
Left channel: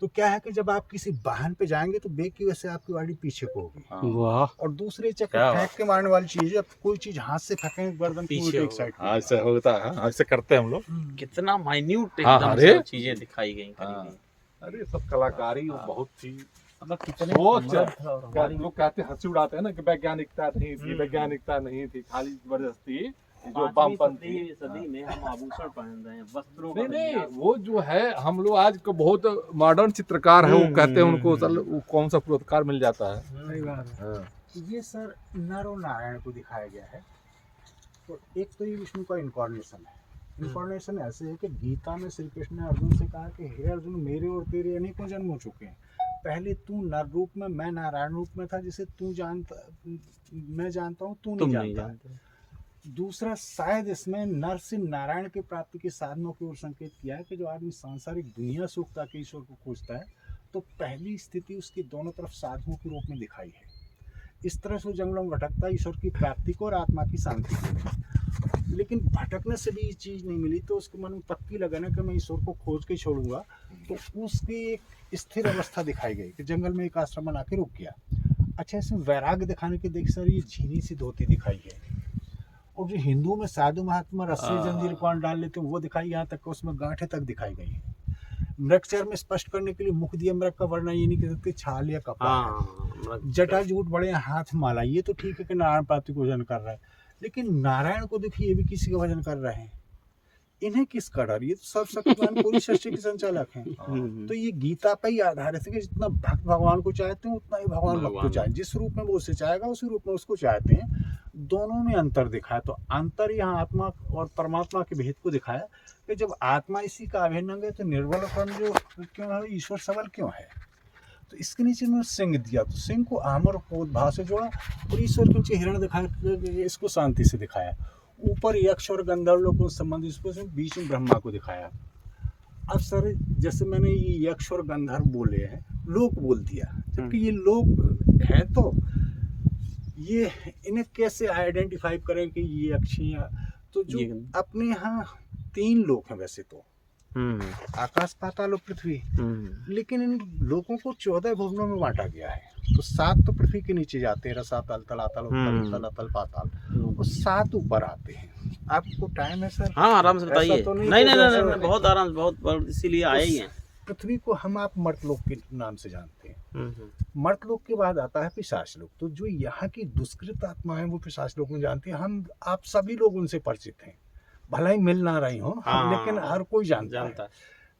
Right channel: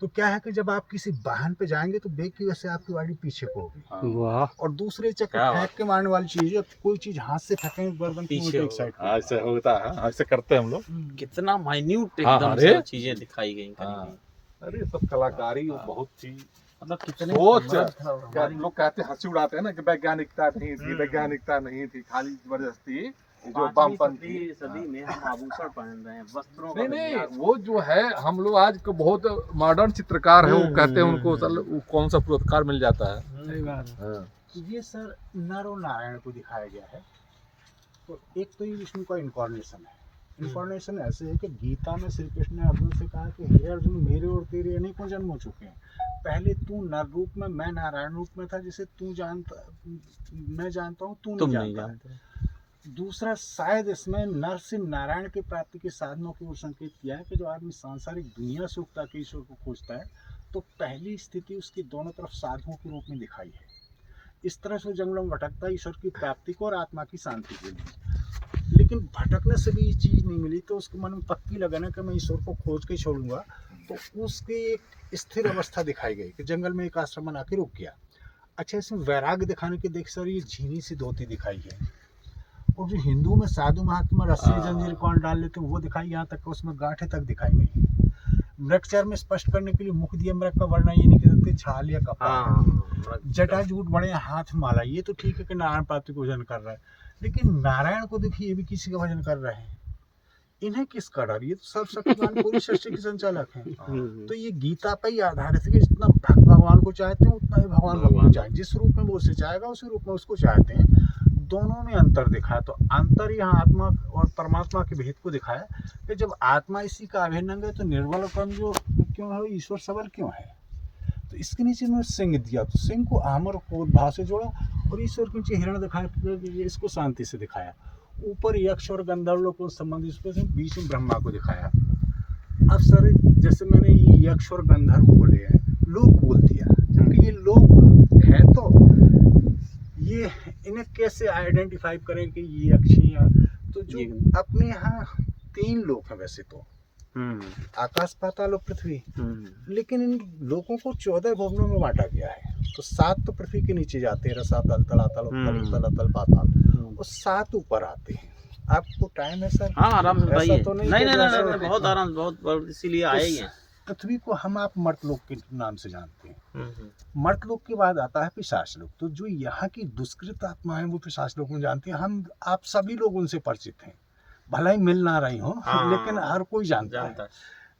तो क्या है कि जब आप किसी वाहन पे जाएंगे तो बेग की वजह से आपकी गाड़ी पीछे को होगी। वाह। और दूसरे चक्कर फेंक के मारने वाली चीज है, कोई चीज हाथ से फेंकेंगे गर्दन पीछे एक साइड। ऐसा होता है, ऐसे करते हैं हम लोग। कितना माइन्यूट एकदम से चीजें दिखाई गई। अरे सब कलाकारी बहुत थी, मतलब कितने लोग कहते हंसी उड़ाते हैं ना कि वैज्ञानिकता नहीं थी, वैज्ञानिकता नहीं थी, खाली जबरदस्ती जो वामपंथी सदी में हम आभूषण पहन रहे हैं, वस्त्रों नहीं, वो जो है हम लोग आज को बहुत मॉडर्न चित्रकार है, वो कहते हैं उनको कौन सा पुरस्कार मिल जाता है। ये सर नर और नारायण को दिखाया गया है। तो एक तो ये विष्णु का इनकॉर्नेशन है। इनकॉर्नेशन ऐसे है कि गीता में श्री कृष्ण ने अर्जुन से कहा कि हे अर्जुन, मेरे और तेरे अनेकों जन्म हो चुके हैं, पहले तू नर रूप में, मैं नारायण रूप में था, जिसे तू जानता, मैं जानता हूँ, तू नहीं जानता। दूसरा, शायद इसमें नर से नारायण की प्राप्ति के साधनों की ओर संकेत किया है कि जो आदमी सांसारिक दुनिया से उगता के ईश्वर को खोजता है, तो पहली स्थिति उसकी दोनों तरफ साधुओं के रूप में दिखाई है। इस तरह से जंगलों में भटकता ईश्वर की प्राप्ति को और आत्मा की शांति को। लेकिन भटकने से भी ये चीज़ नहीं मिली, तो उसके मन में पक्की लगन है कि मैं ईश्वर को खोज के छोड़ूंगा, तो उसकी एक स्थिर अवस्था दिखाई गई कि जंगल में एक आश्रम बना के रुक गया। अच्छा, इसमें वैराग्य दिखाने के देख सर ये झीनी सी धोती दिखाई है। और जो हिंदू में साधु महात्मा रस्सी जंजीर कौन डाल लेते हैं वो दिखाई, यहाँ तक उसमें गांठें तक दिखाई गई है। मृगचर में स्पष्ट करने के लिए मुख दिया मृग का वर्णन ये नहीं कर सकते छाल या कपड़ा। जटा जूट बड़े हाथ माला, ये तो ठीक है कि नारायण प्राप्ति को भजन कर रहा है, लेकिन नारायण को देखिए ये भी किसी का भजन कर रहे हैं। इन्हें किसका डर? ये तो सब शक्तिमान पूरी सृष्टि के संचालक हैं। तो ये गीता पर ही आधारित है कि जितना भक्त भगवान को चाहते हैं उतना ही भगवान भक्त को चाहे, जिस रूप में वो उसे चाहेगा उसी रूप में उसको चाहते हैं। दोनों में अंतर दिखाया। तो अंतर यहाँ आत्मा और परमात्मा के भेद को दिखाया कि जब आत्मा इसी का अभिन्न अंग है तो निर्बल और कमजोर क्यों है, ईश्वर सबल क्यों है। तो इसके नीचे में सिंह दिया, तो सिंह को आमर को भाव से जोड़ा और ईश्वर के नीचे हिरण दिखाया, इसको शांति से दिखाया। ऊपर यक्ष और गंधर्व लोग को संबंधित, बीच में ब्रह्मा को दिखाया। अब सर जैसे मैंने ये यक्ष और गंधर्व बोले हैं, लोग बोल दिया, जबकि ये लोग है तो ये इन्हें कैसे आइडेंटिफाई करें कि ये यक्षियाँ, तो जो अपने यहाँ 3 लोक हैं वैसे तो, आकाश पाताल और पृथ्वी, लेकिन इन लोगों को 14 भुवनों में बांटा गया है। तो 7 तो पृथ्वी के नीचे जाते हैं, रसातल, तलातल, उत्तल, तलातल, पाताल, और 7 ऊपर आते हैं। आपको टाइम है सर? हाँ, आराम से बताइए। तो नहीं, बहुत आराम, बहुत इसीलिए आए ही हैं। पृथ्वी को हम आप मर्तलोक के नाम से जानते हैं। मर्तलोक के बाद आता है पिशाच लोक। तो जो यहाँ की दुष्कृत आत्मा है वो पिशाच लोक में जानते हैं। हम आप सभी लोग उनसे परिचित हैं, भला ही मिल ना रही हो, लेकिन हर कोई जानता है।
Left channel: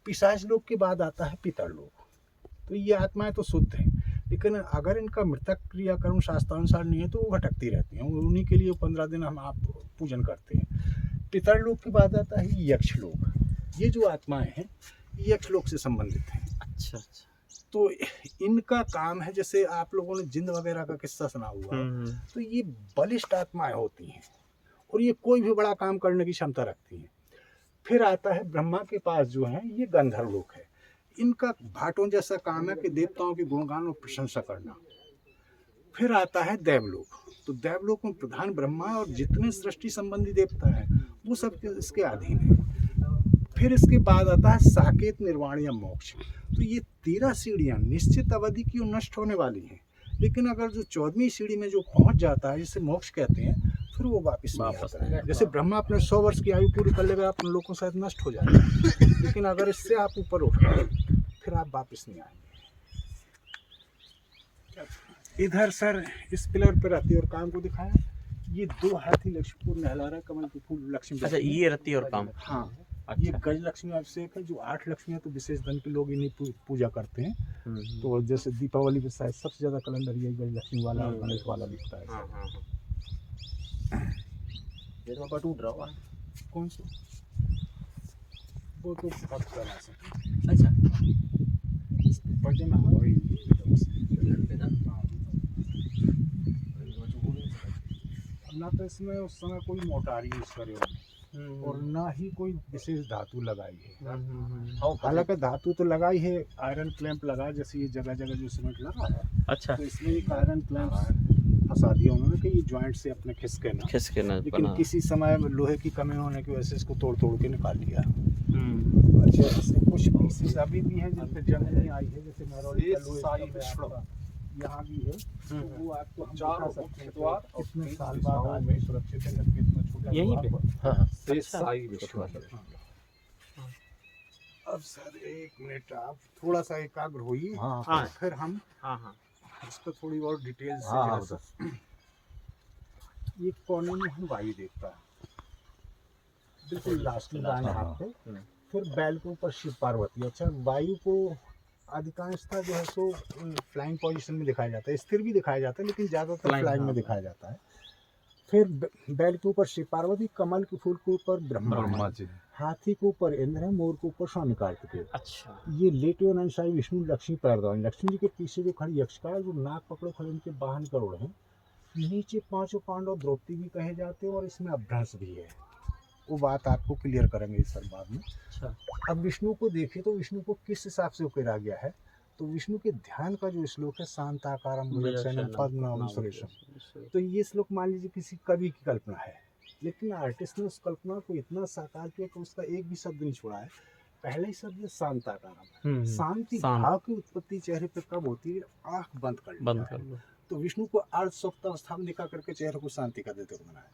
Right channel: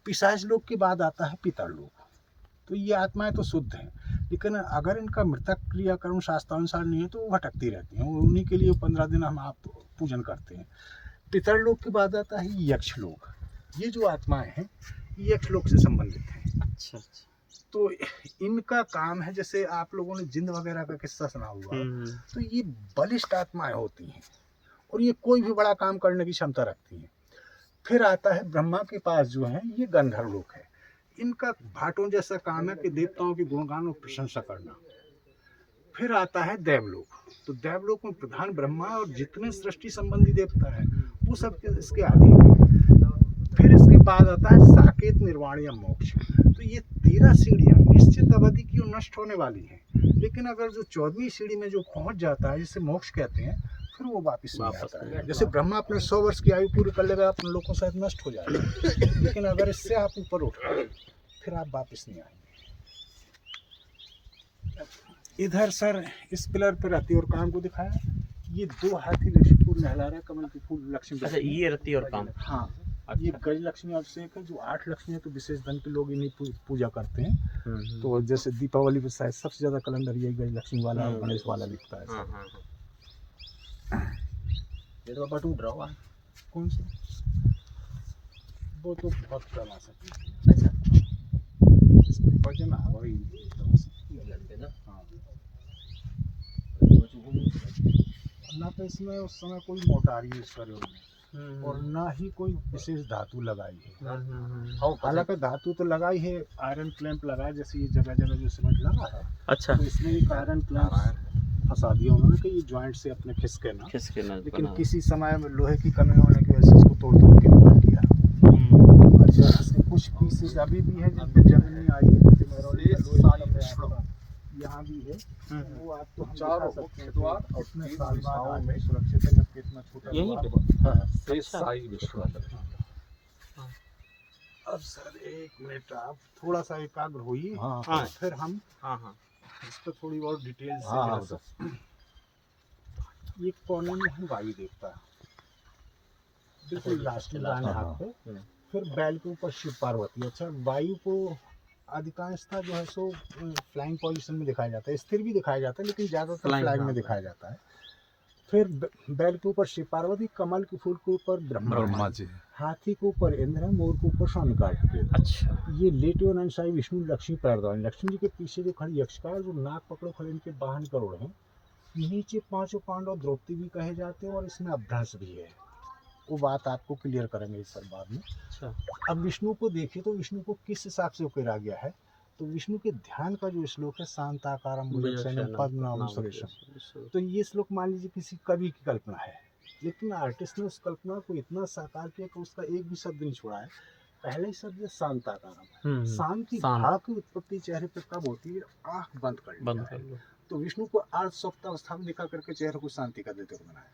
पिशाच लोक के बाद आता है पितर लोक। तो ये आत्माएं तो शुद्ध हैं, लेकिन अगर इनका मृतक क्रियाकर्म शास्त्रानुसार नहीं है तो वो भटकती रहती हैं। उन्हीं के लिए 15 दिन हम आप पूजन करते हैं। पितर लोक के बाद आता है यक्ष लोक। ये जो आत्माएं हैं यक्ष लोक से संबंधित हैं। अच्छा। तो इनका काम है, जैसे आप लोगों ने जिंद वगैरह का किस्सा सुना हुआ, तो ये बलिष्ठ आत्माएं होती हैं और ये कोई भी बड़ा काम करने की क्षमता रखती हैं। फिर आता है ब्रह्मा के पास जो है ये गंधर्व लोक है। इनका भाटों जैसा काम है कि देवताओं के गुणगान और प्रशंसा करना। फिर आता है देवलोक। तो देवलोक में प्रधान ब्रह्मा और जितने सृष्टि संबंधी देवता हैं वो सब इसके अधीन है। फिर इसके बाद आता है साकेत, निर्वाण या मोक्ष। तो ये 13 सीढ़ियाँ निश्चित अवधि की और नष्ट होने वाली हैं, लेकिन अगर जो 14वीं सीढ़ी में जो पहुंच जाता है, जिसे मोक्ष कहते हैं, फिर वो वापस नहीं आता है। जैसे ब्रह्मा अपने 100 वर्ष की आयु पूरी कर लेगा, अपने लोगों शायद नष्ट हो जाएगा, लेकिन अगर इससे आप ऊपर उठ गए फिर आप वापस नहीं आएंगे। इधर सर इस पिलर पर रति और काम को दिखाया। ये 2 हाथी लक्ष्मी को नहला रहा है, कमल के फूल लक्ष्मी। अच्छा, ये रति और काम। हाँ, ये गज लक्ष्मी अभिषेक है। जो 8 लक्ष्मी है तो विशेष धन के लोग इन्हीं पूजा करते हैं। तो जैसे दीपावली पे शायद सबसे ज्यादा कैलेंडर यही गज लक्ष्मी वाला और गणेश वाला दिखता है। ये तो टूट रहा है। कौन सा? वो तो बहुत पुराना से। अच्छा, भजन वही ना तो इसमें उस समय कोई मोटारी यूज करे और ना ही कोई विशेष धातु लगाई है। हालांकि धातु तो लगाई है, आयरन क्लैंप लगा, जैसे ये जगह जगह जो सीमेंट लगा है। अच्छा, तो इसमें एक आयरन क्लैंप फंसा दिया उन्होंने कि ये जॉइंट से अपने खिसके ना। लेकिन किसी समय लोहे की कमी होने की वजह से इसको तोड़ के निकाल दिया। अच्छा, इसमें कुछ पीसेस अभी भी है जिनकी जंग नहीं आई है, जैसे यहाँ भी है। वो आपको चार द्वार और इसमें साल बाद में सुरक्षित है, जबकि इतना छोटा यहीं पे। अब सर 1 मिनट आप थोड़ा सा एकाग्र होइए। हाँ, फिर हम इस पर थोड़ी और डिटेल से। ये कोने में हम वायु देवता, बिल्कुल लास्ट में हाथ पे। फिर बैल के ऊपर शिव पार्वती। अच्छा, वायु को अधिकांशतः जो है सो फ्लाइंग पोजीशन में दिखाया जाता है, स्थिर भी दिखाया जाता है, लेकिन ज़्यादातर फ्लाइंग में दिखाया जाता है। फिर बैल के ऊपर शिव पार्वती, कमल के फूल के ऊपर ब्रह्मा जी, हाथी के ऊपर इंद्र, मोर के ऊपर स्वामी कार्तिकेय। अच्छा, ये लेटे और अंशाई विष्णु लक्ष्मी पैरदान। लक्ष्मी जी के पीछे जो खड़ी यक्षकार, जो नाक पकड़ो खड़े, इनके वाहन करोड़ हैं। नीचे 5 पांडव द्रौपदी भी कहे जाते हैं और इसमें अभ्रंश भी है। वो बात आपको क्लियर करेंगे इस सर बाद में। अच्छा, अब विष्णु को देखें तो विष्णु को किस हिसाब से उकेरा गया है। तो विष्णु के ध्यान का जो श्लोक है, शांताकारम भुजगशयनम पद्मनाभम सुरेशम। तो ये श्लोक मान लीजिए किसी कवि की कल्पना है, लेकिन आर्टिस्ट ने उस कल्पना को इतना साकार किया कि उसका एक भी शब्द नहीं छोड़ा है। पहले ही शब्द है शांताकारम। शांति भाव की उत्पत्ति चेहरे पर कब होती है? आंख बंद कर लिया। तो विष्णु को अर्ध स्वप्न अवस्था में दिखा करके चेहरे को शांति का देते हुए बनाया।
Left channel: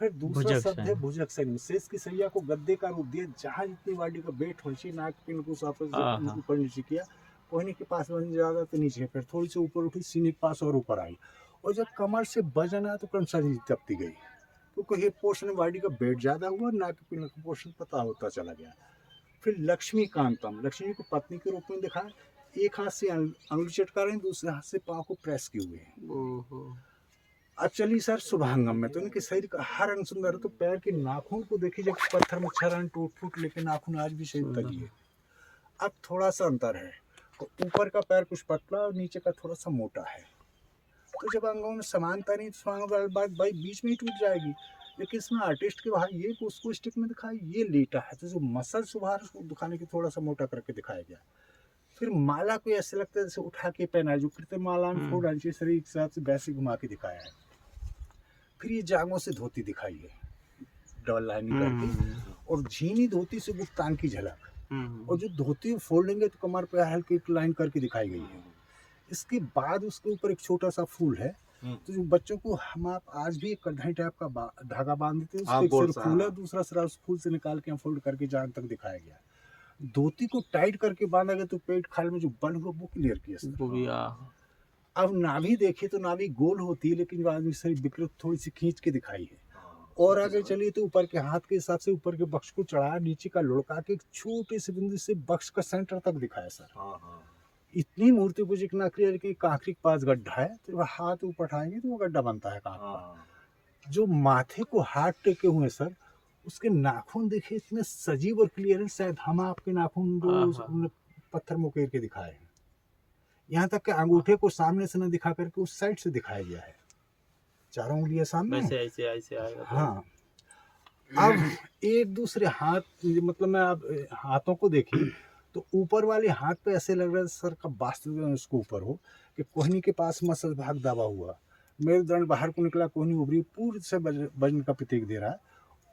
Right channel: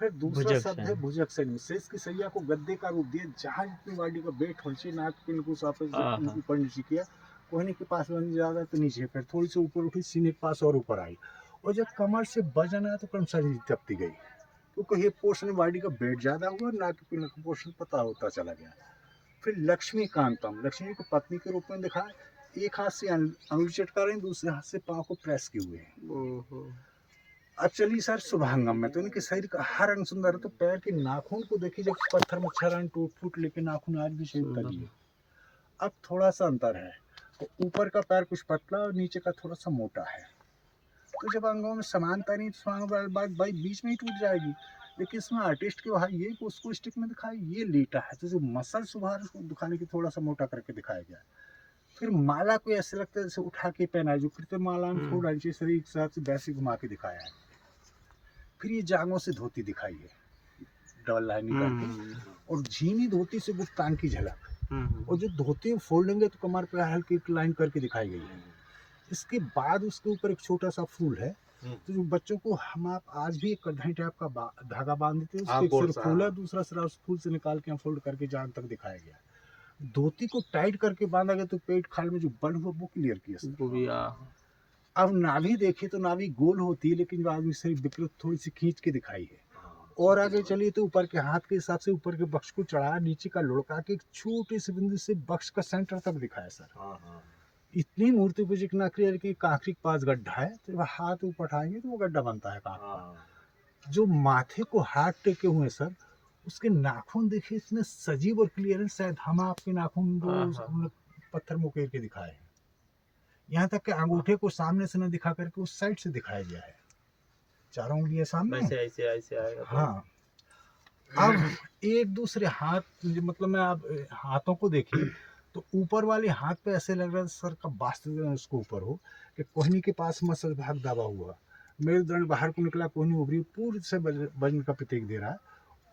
फिर दूसरा शब्द है भुजगशयन। शेष की सैया को गद्दे का रूप दिया, जहाँ जितनी बॉडी का वेट होना चाहिए, नाक पिन को ऊपर नीचे किया। कोहनी के पास वजन ज़्यादा तो नीचे, फिर थोड़ी सी ऊपर उठी, सीने के पास और ऊपर आई। और जब कमर से वजन आया तो क्रमशः तपती गई, क्योंकि ये पोर्शन बॉडी का वेट ज़्यादा हुआ, नाक के पिन का पोर्शन पता होता चला गया। फिर लक्ष्मी कांतम, लक्ष्मी को पत्नी के रूप में दिखाया। एक हाथ से अंगुली चटका रहे हैं, दूसरे हाथ से पाँव को प्रेस किए हुए हैं। अब चलिए सर शुभांगम में, तो इनके शरीर का हर अंग सुंदर है। तो पैर के नाखून को देखिए, जब पत्थर में क्षरण टूट फूट, लेकिन नाखून आज भी शरीर का लिए। अब थोड़ा सा अंतर है, तो ऊपर का पैर कुछ पतला और नीचे का थोड़ा सा मोटा है। तो जब अंगों में समानता नहीं, तो बात भाई बीच में ही टूट जाएगी। लेकिन इसमें आर्टिस्ट के भाई ये उसको स्टिक में दिखाया, ये लेटा है, तो जो मसल सुधार उसको दिखाने की थोड़ा सा मोटा करके दिखाया गया। फिर माला को ऐसे लगता है जैसे उठा के पहना है, जो कृत्रिम माला में फोड़ डाली शरीर के साथ से वैसे घुमा के दिखाया है। फिर ये जांघों से धोती दिखाई है, डबल लाइनिंग करके, और झीनी धोती से गुप्तांग की झलक। और जो धोती फोल्डेंगे तो कमर पे हल्की लाइन करके दिखाई गई है। इसके बाद उसके ऊपर एक छोटा सा फूल है, तो जो बच्चों को हम आप आज भी एक कढ़ाई टाइप का धागा बांध देते हैं, उसके एक सिर फूल है, दूसरा सिरा उस फूल से निकाल के फोल्ड करके जान तक दिखाया गया। धोती को टाइट करके बांधा गया तो पेट खाल में जो बल हुआ वो क्लियर किया। अब नाभि देखे तो नाभि गोल होती है, लेकिन जो आदमी शरीर विकृत थोड़ी सी खींच के दिखाई है। और आगे चलिए तो ऊपर के हाथ के हिसाब से ऊपर के बक्स को चढ़ाया, नीचे का लुढ़का के एक छोटे से बिंदु से बक्स का सेंटर तक दिखाया सर। इतनी मूर्ति को जितना क्लियर कि कांखरी के पास गड्ढा है, तो हाथ ऊपर उठाएंगे तो वो गड्ढा बनता है कांख। जो माथे को हाथ टेके हुए सर, उसके नाखून देखिए इतने सजीव और क्लियर है, शायद हम आपके नाखून पत्थर मुकेर के दिखाए हैं। यहाँ तक कि अंगूठे को सामने से न दिखा करके उस साइड से दिखाया गया है, चारों उंगलियां सामने ऐसे आएगा। हाँ, अब एक दूसरे हाथ, मतलब मैं अब हाथों को देखिए तो ऊपर वाले हाथ पे ऐसे लग रहा है सर का वास्तविक उसको ऊपर हो, कि कोहनी के पास मसल भाग दबा हुआ, मेरुदंड बाहर को निकला, कोहनी उभरी, पूर्ण से वजन का प्रतीक दे रहा है।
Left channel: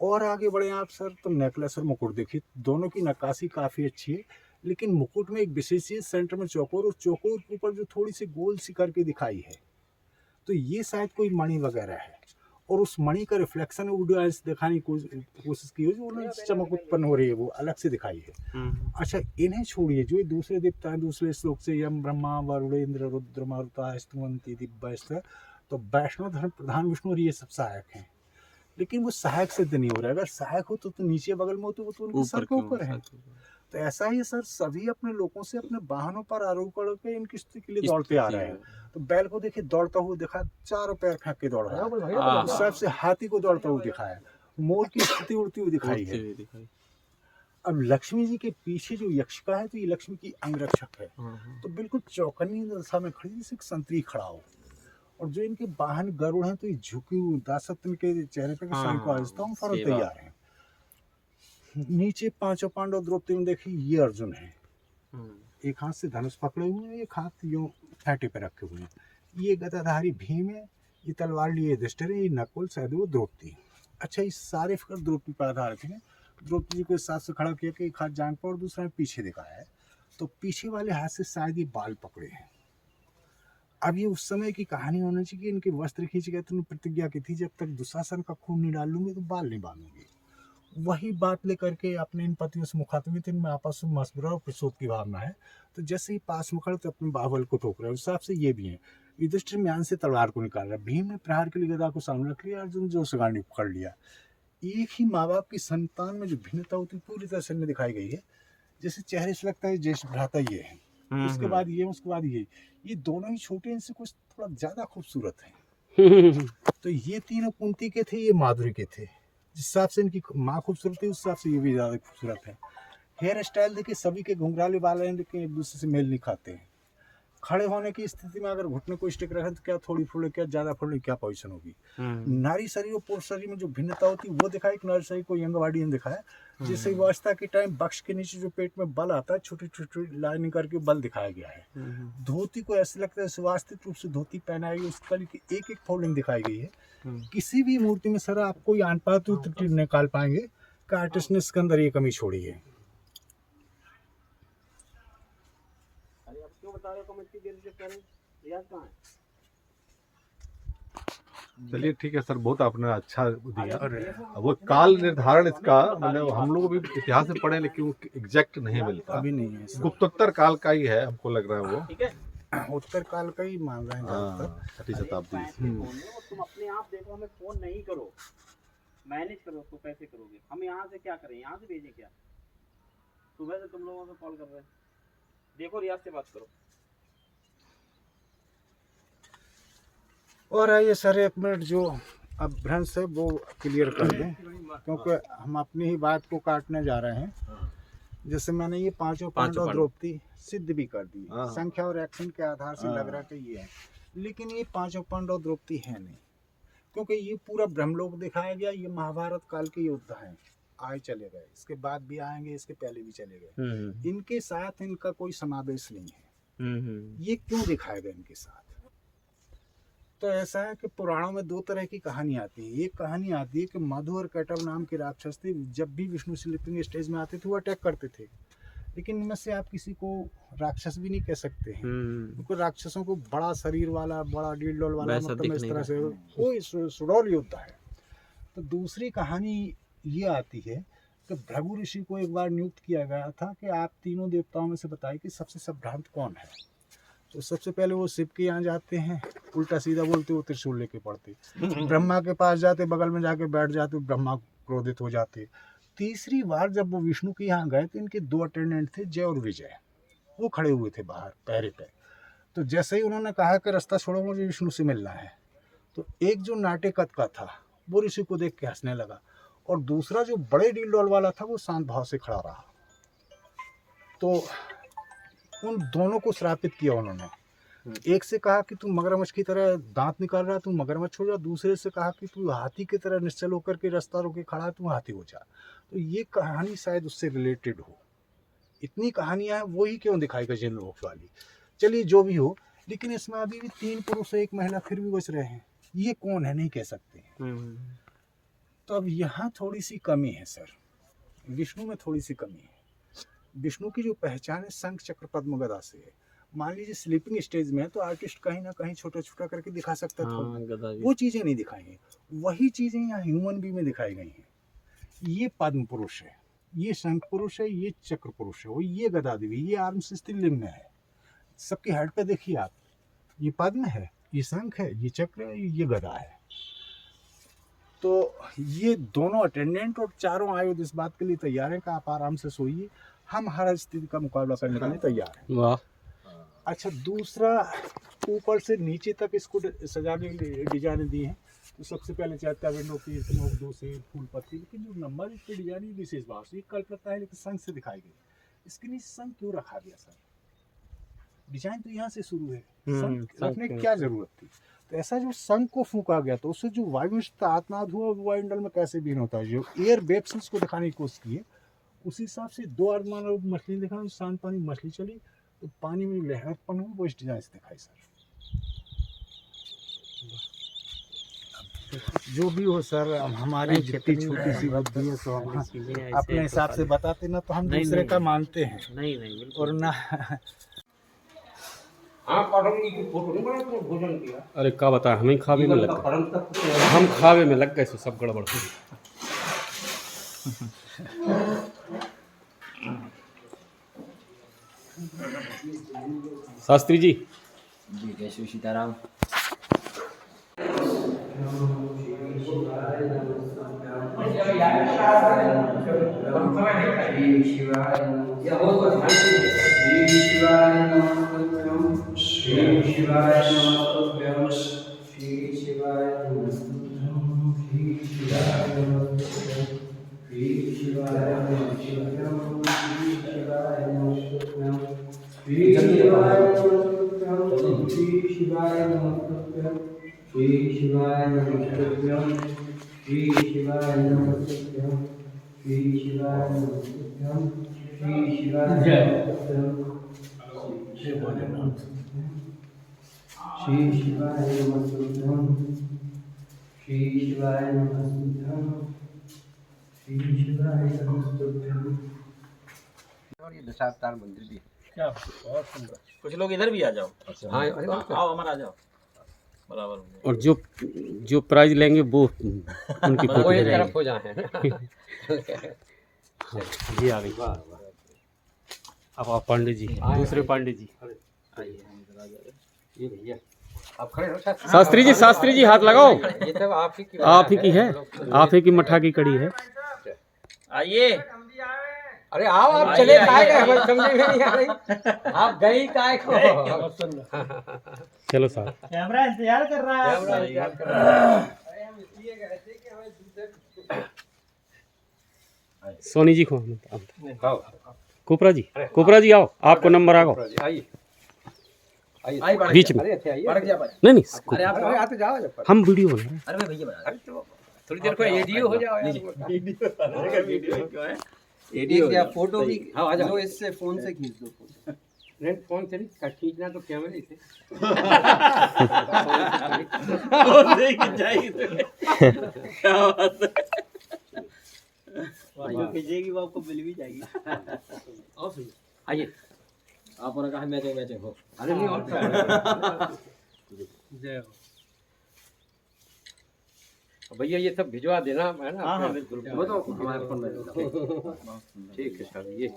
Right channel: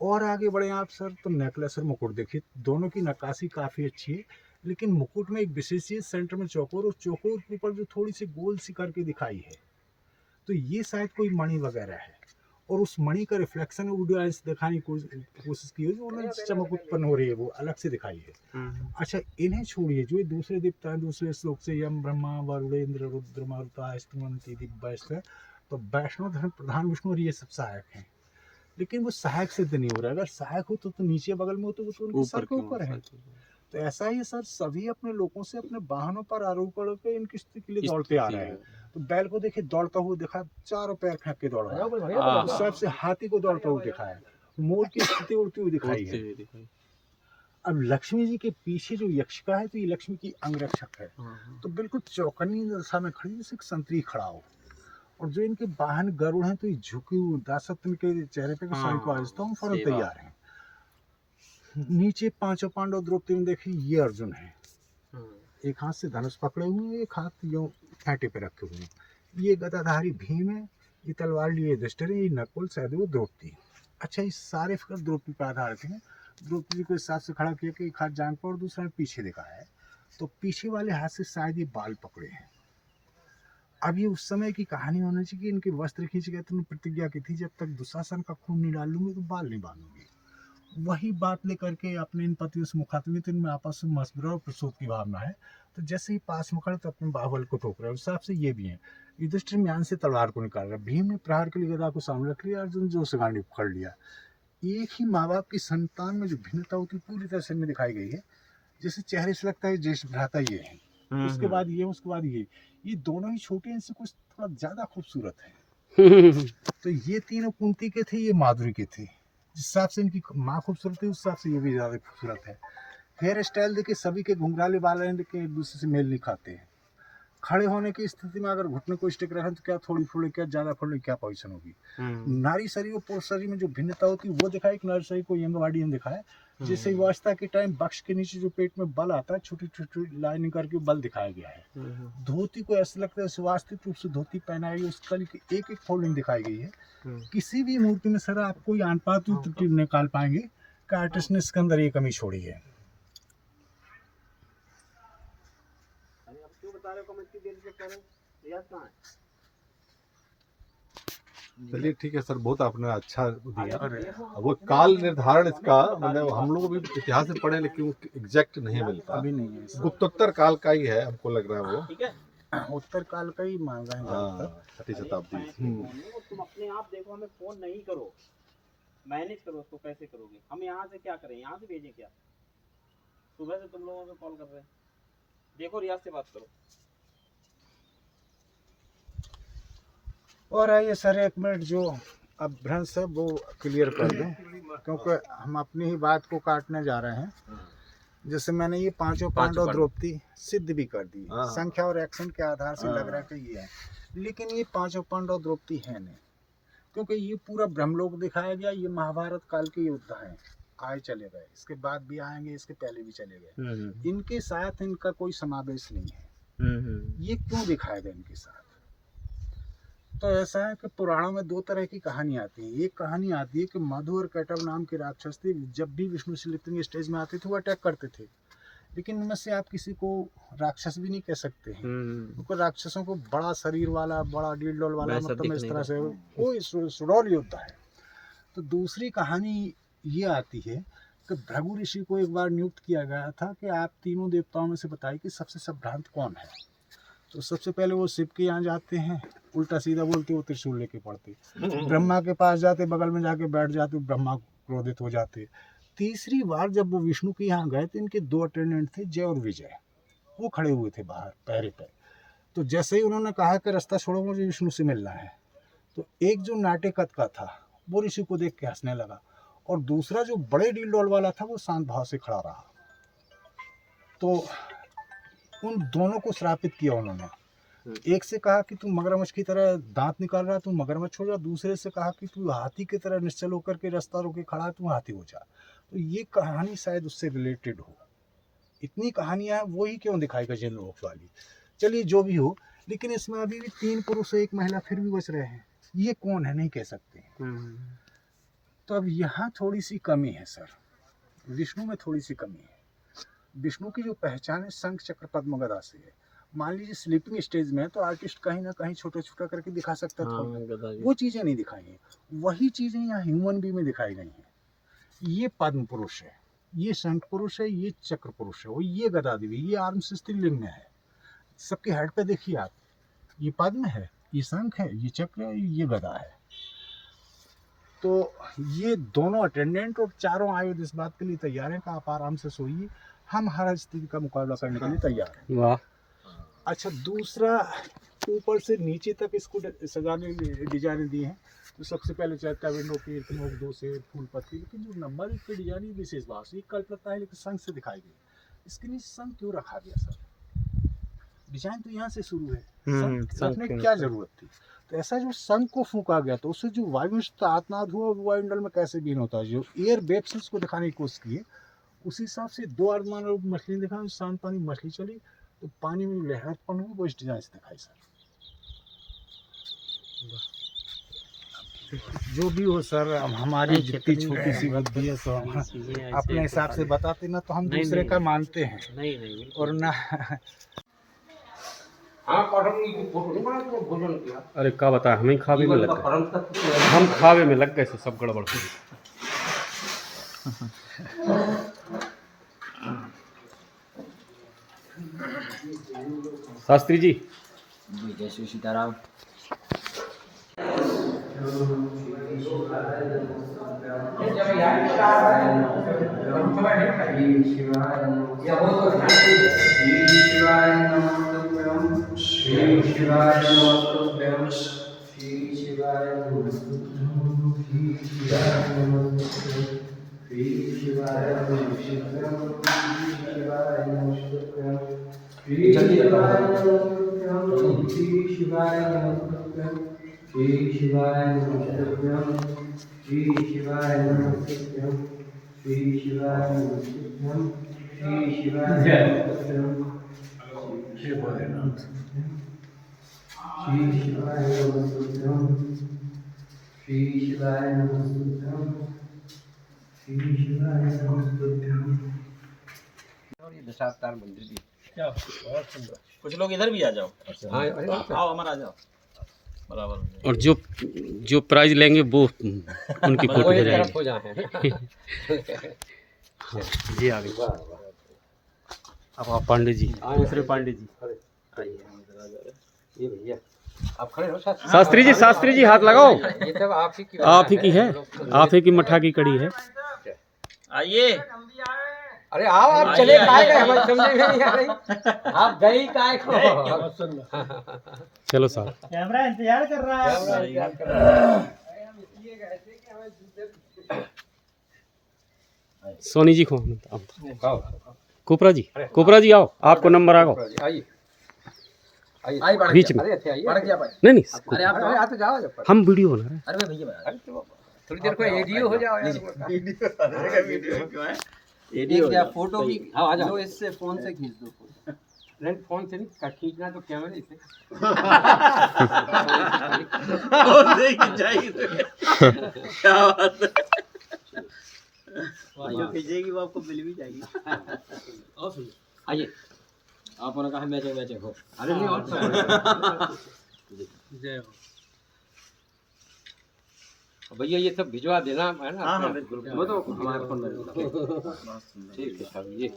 और आगे बढ़े आप सर तो नेकलेस और मुकुट देखिए, दोनों की नक्काशी काफ़ी अच्छी है, लेकिन मुकुट में एक विशेष चीज सेंटर में चौकोर, और चौकोर के ऊपर जो थोड़ी सी गोल सी करके दिखाई है, तो ये शायद कोई मणि वगैरह है, और उस मणि का रिफ्लेक्शन ऑडियंस दिखाने की कोशिश की है, जो उन्हें चमक उत्पन्न हो रही है वो अलग से दिखाई है। अच्छा इन्हें छोड़िए, जो ये दूसरे देवता हैं दूसरे श्लोक से, यम ब्रह्मा वरुण इंद्र रुद्र मरुता स्तुवंती दिव्य, तो वैष्णव धर्म प्रधान विष्णु और ये सब सहायक हैं, लेकिन वो सहायक सिद्ध नहीं हो रहा है। अगर सहायक हो तो नीचे बगल में हो तो वो तो उनके सर के ऊपर है। तो ऐसा ही सर सभी अपने लोगों से अपने वाहनों पर आरोप करके इनकी स्तुति के लिए दौड़ते आ रहे हैं। तो बैल को देखिए दौड़ता हुआ दिखा, चारों पैर फेंक के दौड़ रहा है, उस सबसे हाथी को दौड़ता हुआ दिखाया, मोर की स्थिति उड़ती हुई दिखाई है। अब लक्ष्मी जी के पीछे जो यक्षिका है, तो ये लक्ष्मी की अंगरक्षक है, तो बिल्कुल चौकन्नी दशा में खड़ी जैसे संतरी खड़ा हो। और जो इनके वाहन गरुड़ हैं, तो ये झुकी हुई दासत्व के चेहरे पे साई को आजता हूँ फौरन तैयार हैं। नीचे पांचों पांडव द्रौपदी में देखिए ये अर्जुन है, एक हाथ से धनुष पकड़े हुए हैं, एक हाथ यूं फेंटे पे रखे हुए हैं। ये गदाधारी भीम है, ये तलवार लिए युधिष्ठिर है, ये नकुल सहदेव द्रौपदी। अच्छा ये सारे फिक्र द्रौपदी पर आधारित हैं। द्रौपदी को इस हाथ से खड़ा किया कि एक हाथ जान पर और दूसरा पीछे दिखाया है, तो पीछे वाले हाथ से शायद ये बाल पकड़े हैं। अब ये उस समय की कहानी होनी चाहिए कि इनके वस्त्र खींच गए, तो प्रतिज्ञा की थी जब तक दुशासन का खून नहीं डालूंगी तो बाल नहीं बांधूंगी। वही बात लेकर के अपने इन पतियों से मुखातिब थे, इनमें आपस में मशवरा और प्रसोद की भावना है। तो जैसे ही पास में खड़े तो अपने बाहुबल को ठोक रहे हैं, उस हिसाब से ये भी हैं। युधिष्ठिर म्यान से तलवार को निकाल रहा, भीम ने प्रहार के लिए गदा को सामने रख लिया, अर्जुन जो से गांडी पकड़ लिया। एक ही माँ बाप की संतान में जो भिन्नता होती पूरी तरह से में दिखाई गई है। जैसे चेहरे से लगता है ज्येष्ठ भ्राता ये है, उसके बाद ये, उसके बाद ये दोनों ही छोटे, इनसे कुछ थोड़ा ज्यादा खूबसूरत है। तो ये तीनों कुंती के थे, ये माधुरी के थे। जिस हिसाब से इनकी माँ खूबसूरत है, उस हिसाब से ये भी ज्यादा खूबसूरत है। हेयर स्टाइल देखिए, सभी के घुंघराले बाल हैं, लेकिन एक दूसरे से मेल नहीं खाते हैं। खड़े होने की स्थिति में अगर घुटने को स्टिक रखें तो क्या थोड़ी फुले, क्या ज्यादा फुले, क्या पोजीशन होगी। नारी शरीर और पुरुष शरीर में जो भिन्नता होती है वो दिखाई, एक नारी शरीर को यंगवाड़ी ने दिखाया। जैसे व्यवस्था के टाइम बक्श के नीचे जो पेट में बल आता है, छोटी छोटी लाइनिंग करके बल दिखाया गया है। धोती को ऐसे लगता है सुव्यवस्थित रूप से धोती पहनाई गई, उस कली की एक एक फोल्डिंग दिखाई गई है। किसी भी मूर्ति में सर आप कोई अनपात त्रुटि निकाल पाएंगे कि आर्टिस्ट ने इसके अंदर ये कमी छोड़ी है। चलिए ठीक है सर, बहुत आपने अच्छा दिया। वो काल निर्धारण इसका मतलब हम लोग भी इतिहास में पढ़े, लेकिन वो एग्जैक्ट नहीं मिलता, अभी नहीं है। गुप्तोत्तर काल का ही है, हमको लग रहा है वो उत्तर काल का ही मान रहे हैं। 6वीं शताब्दी। तुम अपने आप देखो, हमें फोन नहीं करो, मैनेज करो उसको, कैसे करोगे? हम यहाँ से क्या करें, यहाँ से भेजें क्या? सुबह से तुम लोगों को कॉल कर रहे हैं, देखो रियाज से बात करो। और आइए सर एक मिनट, जो अब भ्रंश है वो क्लियर कर दें, क्योंकि हम अपनी ही बात को काटने जा रहे हैं। जैसे मैंने ये पांचों पांडव द्रौपदी सिद्ध भी कर दी, संख्या और एक्शन के आधार से लग रहा है कि ये है, लेकिन ये पांचों पांडव द्रौपदी है नहीं, क्योंकि ये पूरा ब्रह्मलोक दिखाया गया। ये महाभारत काल के योद्धा हैं, आए चले गए, इसके बाद भी आएंगे, इसके पहले भी चले गए, इनके साथ इनका कोई समावेश नहीं है। ये क्यों दिखाया गया इनके साथ? तो ऐसा है कि पुराणों में दो तरह की कहानी आती है। एक कहानी आती है कि मधु और कैटव नाम के राक्षस थे, जब भी विष्णु शिवलिंग स्टेज में आते थे वो अटैक करते थे, लेकिन उनमें से आप किसी को राक्षस भी नहीं कह सकते हैं, क्योंकि राक्षसों को बड़ा शरीर वाला, बड़ा डील वाला, मतलब इस तरह से कोई सुडौल योद्धा है। तो दूसरी कहानी ये आती है कि भृगु ऋषि को एक बार नियुक्त किया गया था कि आप तीनों देवताओं में से बताइए कि सबसे संभ्रांत कौन है। तो सबसे पहले वो शिव के यहाँ जाते हैं, उल्टा सीधा बोलते, वो त्रिशूल लेके पड़ते। ब्रह्मा के पास जाते, बगल में जाके बैठ जाते, ब्रह्मा क्रोधित हो जाते। तीसरी बार जब वो विष्णु के यहाँ गए तो इनके दो अटेंडेंट थे, जय और विजय, वो खड़े हुए थे बाहर पहरे पे। तो जैसे ही उन्होंने कहा कि रास्ता छोड़ो, मुझे विष्णु से मिलना है, तो एक जो नाटेकत का था वो ऋषि को देख के हंसने लगा, और दूसरा जो बड़े डील डॉल वाला था वो शांत भाव से खड़ा रहा। तो उन दोनों को श्रापित किया उन्होंने। एक से कहा कि तू मगरमच्छ की तरह दांत निकाल रहा, तू मगरमच्छ हो जा। दूसरे से कहा कि तू हाथी की तरह निश्चल होकर के रास्ता रोके खड़ा, तू हाथी हो जा। तो ये कहानी शायद उससे रिलेटेड हो। इतनी कहानियां वही क्यों दिखाई गई जिन लोग वाली। चलिए जो भी हो, लेकिन इसमें अभी भी 3 पुरुष 1 महिला फिर भी बच रहे हैं। ये कौन है नहीं कह सकते। तो अब यहाँ थोड़ी सी कमी है सर, विष्णु में थोड़ी सी कमी है। विष्णु की जो पहचान है शंख चक्र पद्म गदा से है। मान लीजिए स्लीपिंग स्टेज में है तो आर्टिस्ट कहीं ना कहीं छोटा छोटा करके दिखा सकता था, वो चीज़ें नहीं दिखाई हैं। वही चीज़ें यहाँ ह्यूमन बी में दिखाई गई हैं। ये पद्म पुरुष है, ये शंख पुरुष है, ये चक्र पुरुष है, वो ये गदा देवी, ये आर्म से स्त्रीलिंग में है। सबके हेड पे देखिए आप, ये पद्म है, ये शंख है, ये चक्र है, ये गदा है। तो ये दोनों अटेंडेंट और चारों आयुध इस बात के लिए तैयार हैं कि आप आराम से सोइए, हम हर स्थिति का मुकाबला करने के लिए तैयार हैं। वाह। अच्छा, दूसरा ऊपर से नीचे तक इसको सजाने के लिए डिजाइन दी हैं। तो सबसे पहले चैत्या विंडो की नोक दो से फूल पत्ती, लेकिन जो नंबर इस पर डिजाइन विशेष भाव से कल्पना है, लेकिन संघ से दिखाई गई। इसके नीचे संघ क्यों रखा गया सर? डिजाइन तो यहाँ से शुरू है, संघ रखने की क्या जरूरत थी? तो ऐसा जो संघ को फूका गया तो उससे जो वायु आत्मनाद हुआ वो वायुमंडल में कैसे बीन होता है, जो एयर वेव्स को दिखाने की कोशिश की है, उस हिसाब से दो आर्मान मछली दिखा, शांत पानी मछली चली तो पानी में लहरापन हुई, वो इस डिजाइन से दिखाई सर। जो भी हो सर, अब हमारी जितनी छोटी सी बुद्धि है तो हम अपने हिसाब से बताते ना, तो हम दूसरे का मानते हैं नहीं और ना। अरे क्या बता, हमें खावे में लग गए, हम खावे में लग गए तो सब गड़बड़ हो गई। शास्त्री जी जय श्री सीताराम। और ये दशावतार मंदिर भी क्या बहुत सुंदर। कुछ लोग इधर भी आ जाओ। हाँ, आओ हमारा आ जाओ बराबर। और जो प्राइज लेंगे वो उनकी फोटो हो जाएगी। हो जाए। हाँ, जी आ गए। अब आप पांडे जी, दूसरे पांडे जी, ये भैया आप खड़े हो। शास्त्री जी हाथ लगाओ। ये सब आप ही की है, आप ही की मठा की कड़ी है। आइए। अरे आओ, आप चले काहे गए, हमें समझ में नहीं आ रही, आप गई काहे को। चलो साहब, कैमरा इंतजार कर रहा है। सोनी जी को कोपरा जी आओ, आपको नंबर आ गो। आइए बीच में। नहीं तो जाओ, हम वीडियो बना रहे हैं। अरे भैया बना थोड़ी देर को एडियो हो जाओ। एडियो फोटो भी आ जाओ, इससे फोन से खींच दो। नहीं, फोन से नहीं खींचना, तो कैमरे से। क्या बात है। जो खींचेगी वो आपको मिल भी जाएगी। आइए, आपने कहा मैच हो। अरे नहीं, और जय हो भैया, ये सब भिजवा देना है ना। हाँ बिल्कुल, वो तो हमारे फोन में ठीक है साहब। ये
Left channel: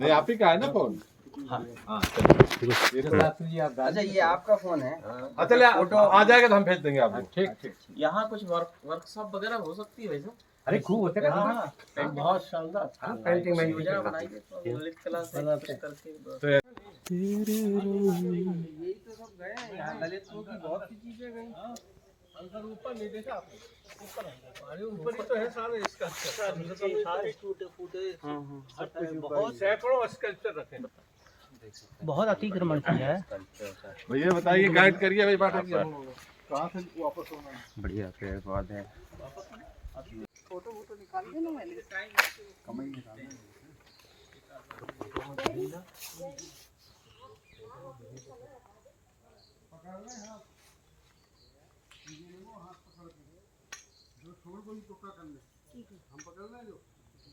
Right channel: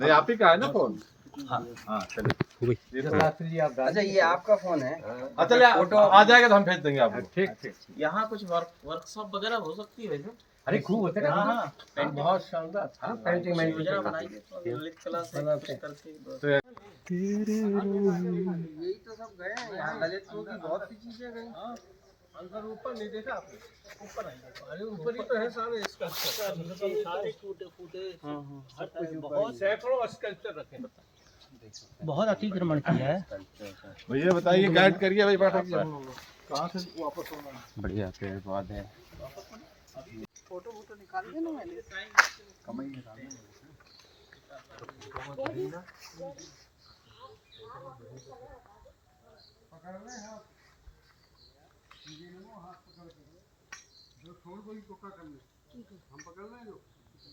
नहीं, आप ही का है ना फोन? हाँ ये तो शास्त्री जी आप अच्छा, ये आपका फोन है? चलिए, फोटो आ जाएगा तो हम भेज देंगे आपको। ठीक। यहाँ कुछ वर्कशॉप वगैरह हो सकती है वैसे। अरे खूब होते हैं। हाँ, बहुत शानदार। पेंटिंग में योजना बनाइए तो ललित कला से कुछ करके। यही तो सब गए हैं यहाँ, ललितपुर की बहुत सी चीजें गई। अंदर ऊपर नहीं देखा आपने? ऊपर अरे ऊपर ही तो है सारे स्कल्पचर, नीचे सारे टूटे फूटे। सब कुछ बहुत सैकड़ों स्कल्पचर रखे हैं। बहुत अतिक्रमण किया है। भैया बताइए, गाइड करिए भाई, पाठक जी कहाँ से वापस होना है? बढ़िया पेड़ पौधे है। फोटो निकाल देना, मैंने कमाई निकालना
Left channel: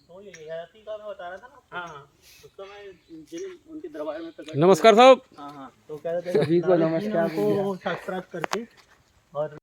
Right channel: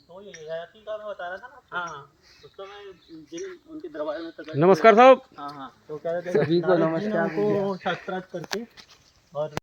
तो ये हयाती का मैं बता रहा था ना। हाँ उस समय जिन उनके दरबार में नमस्कार साहब। हाँ तो कह रहे थे सभी को नमस्कार को सब्सक्राइब करके और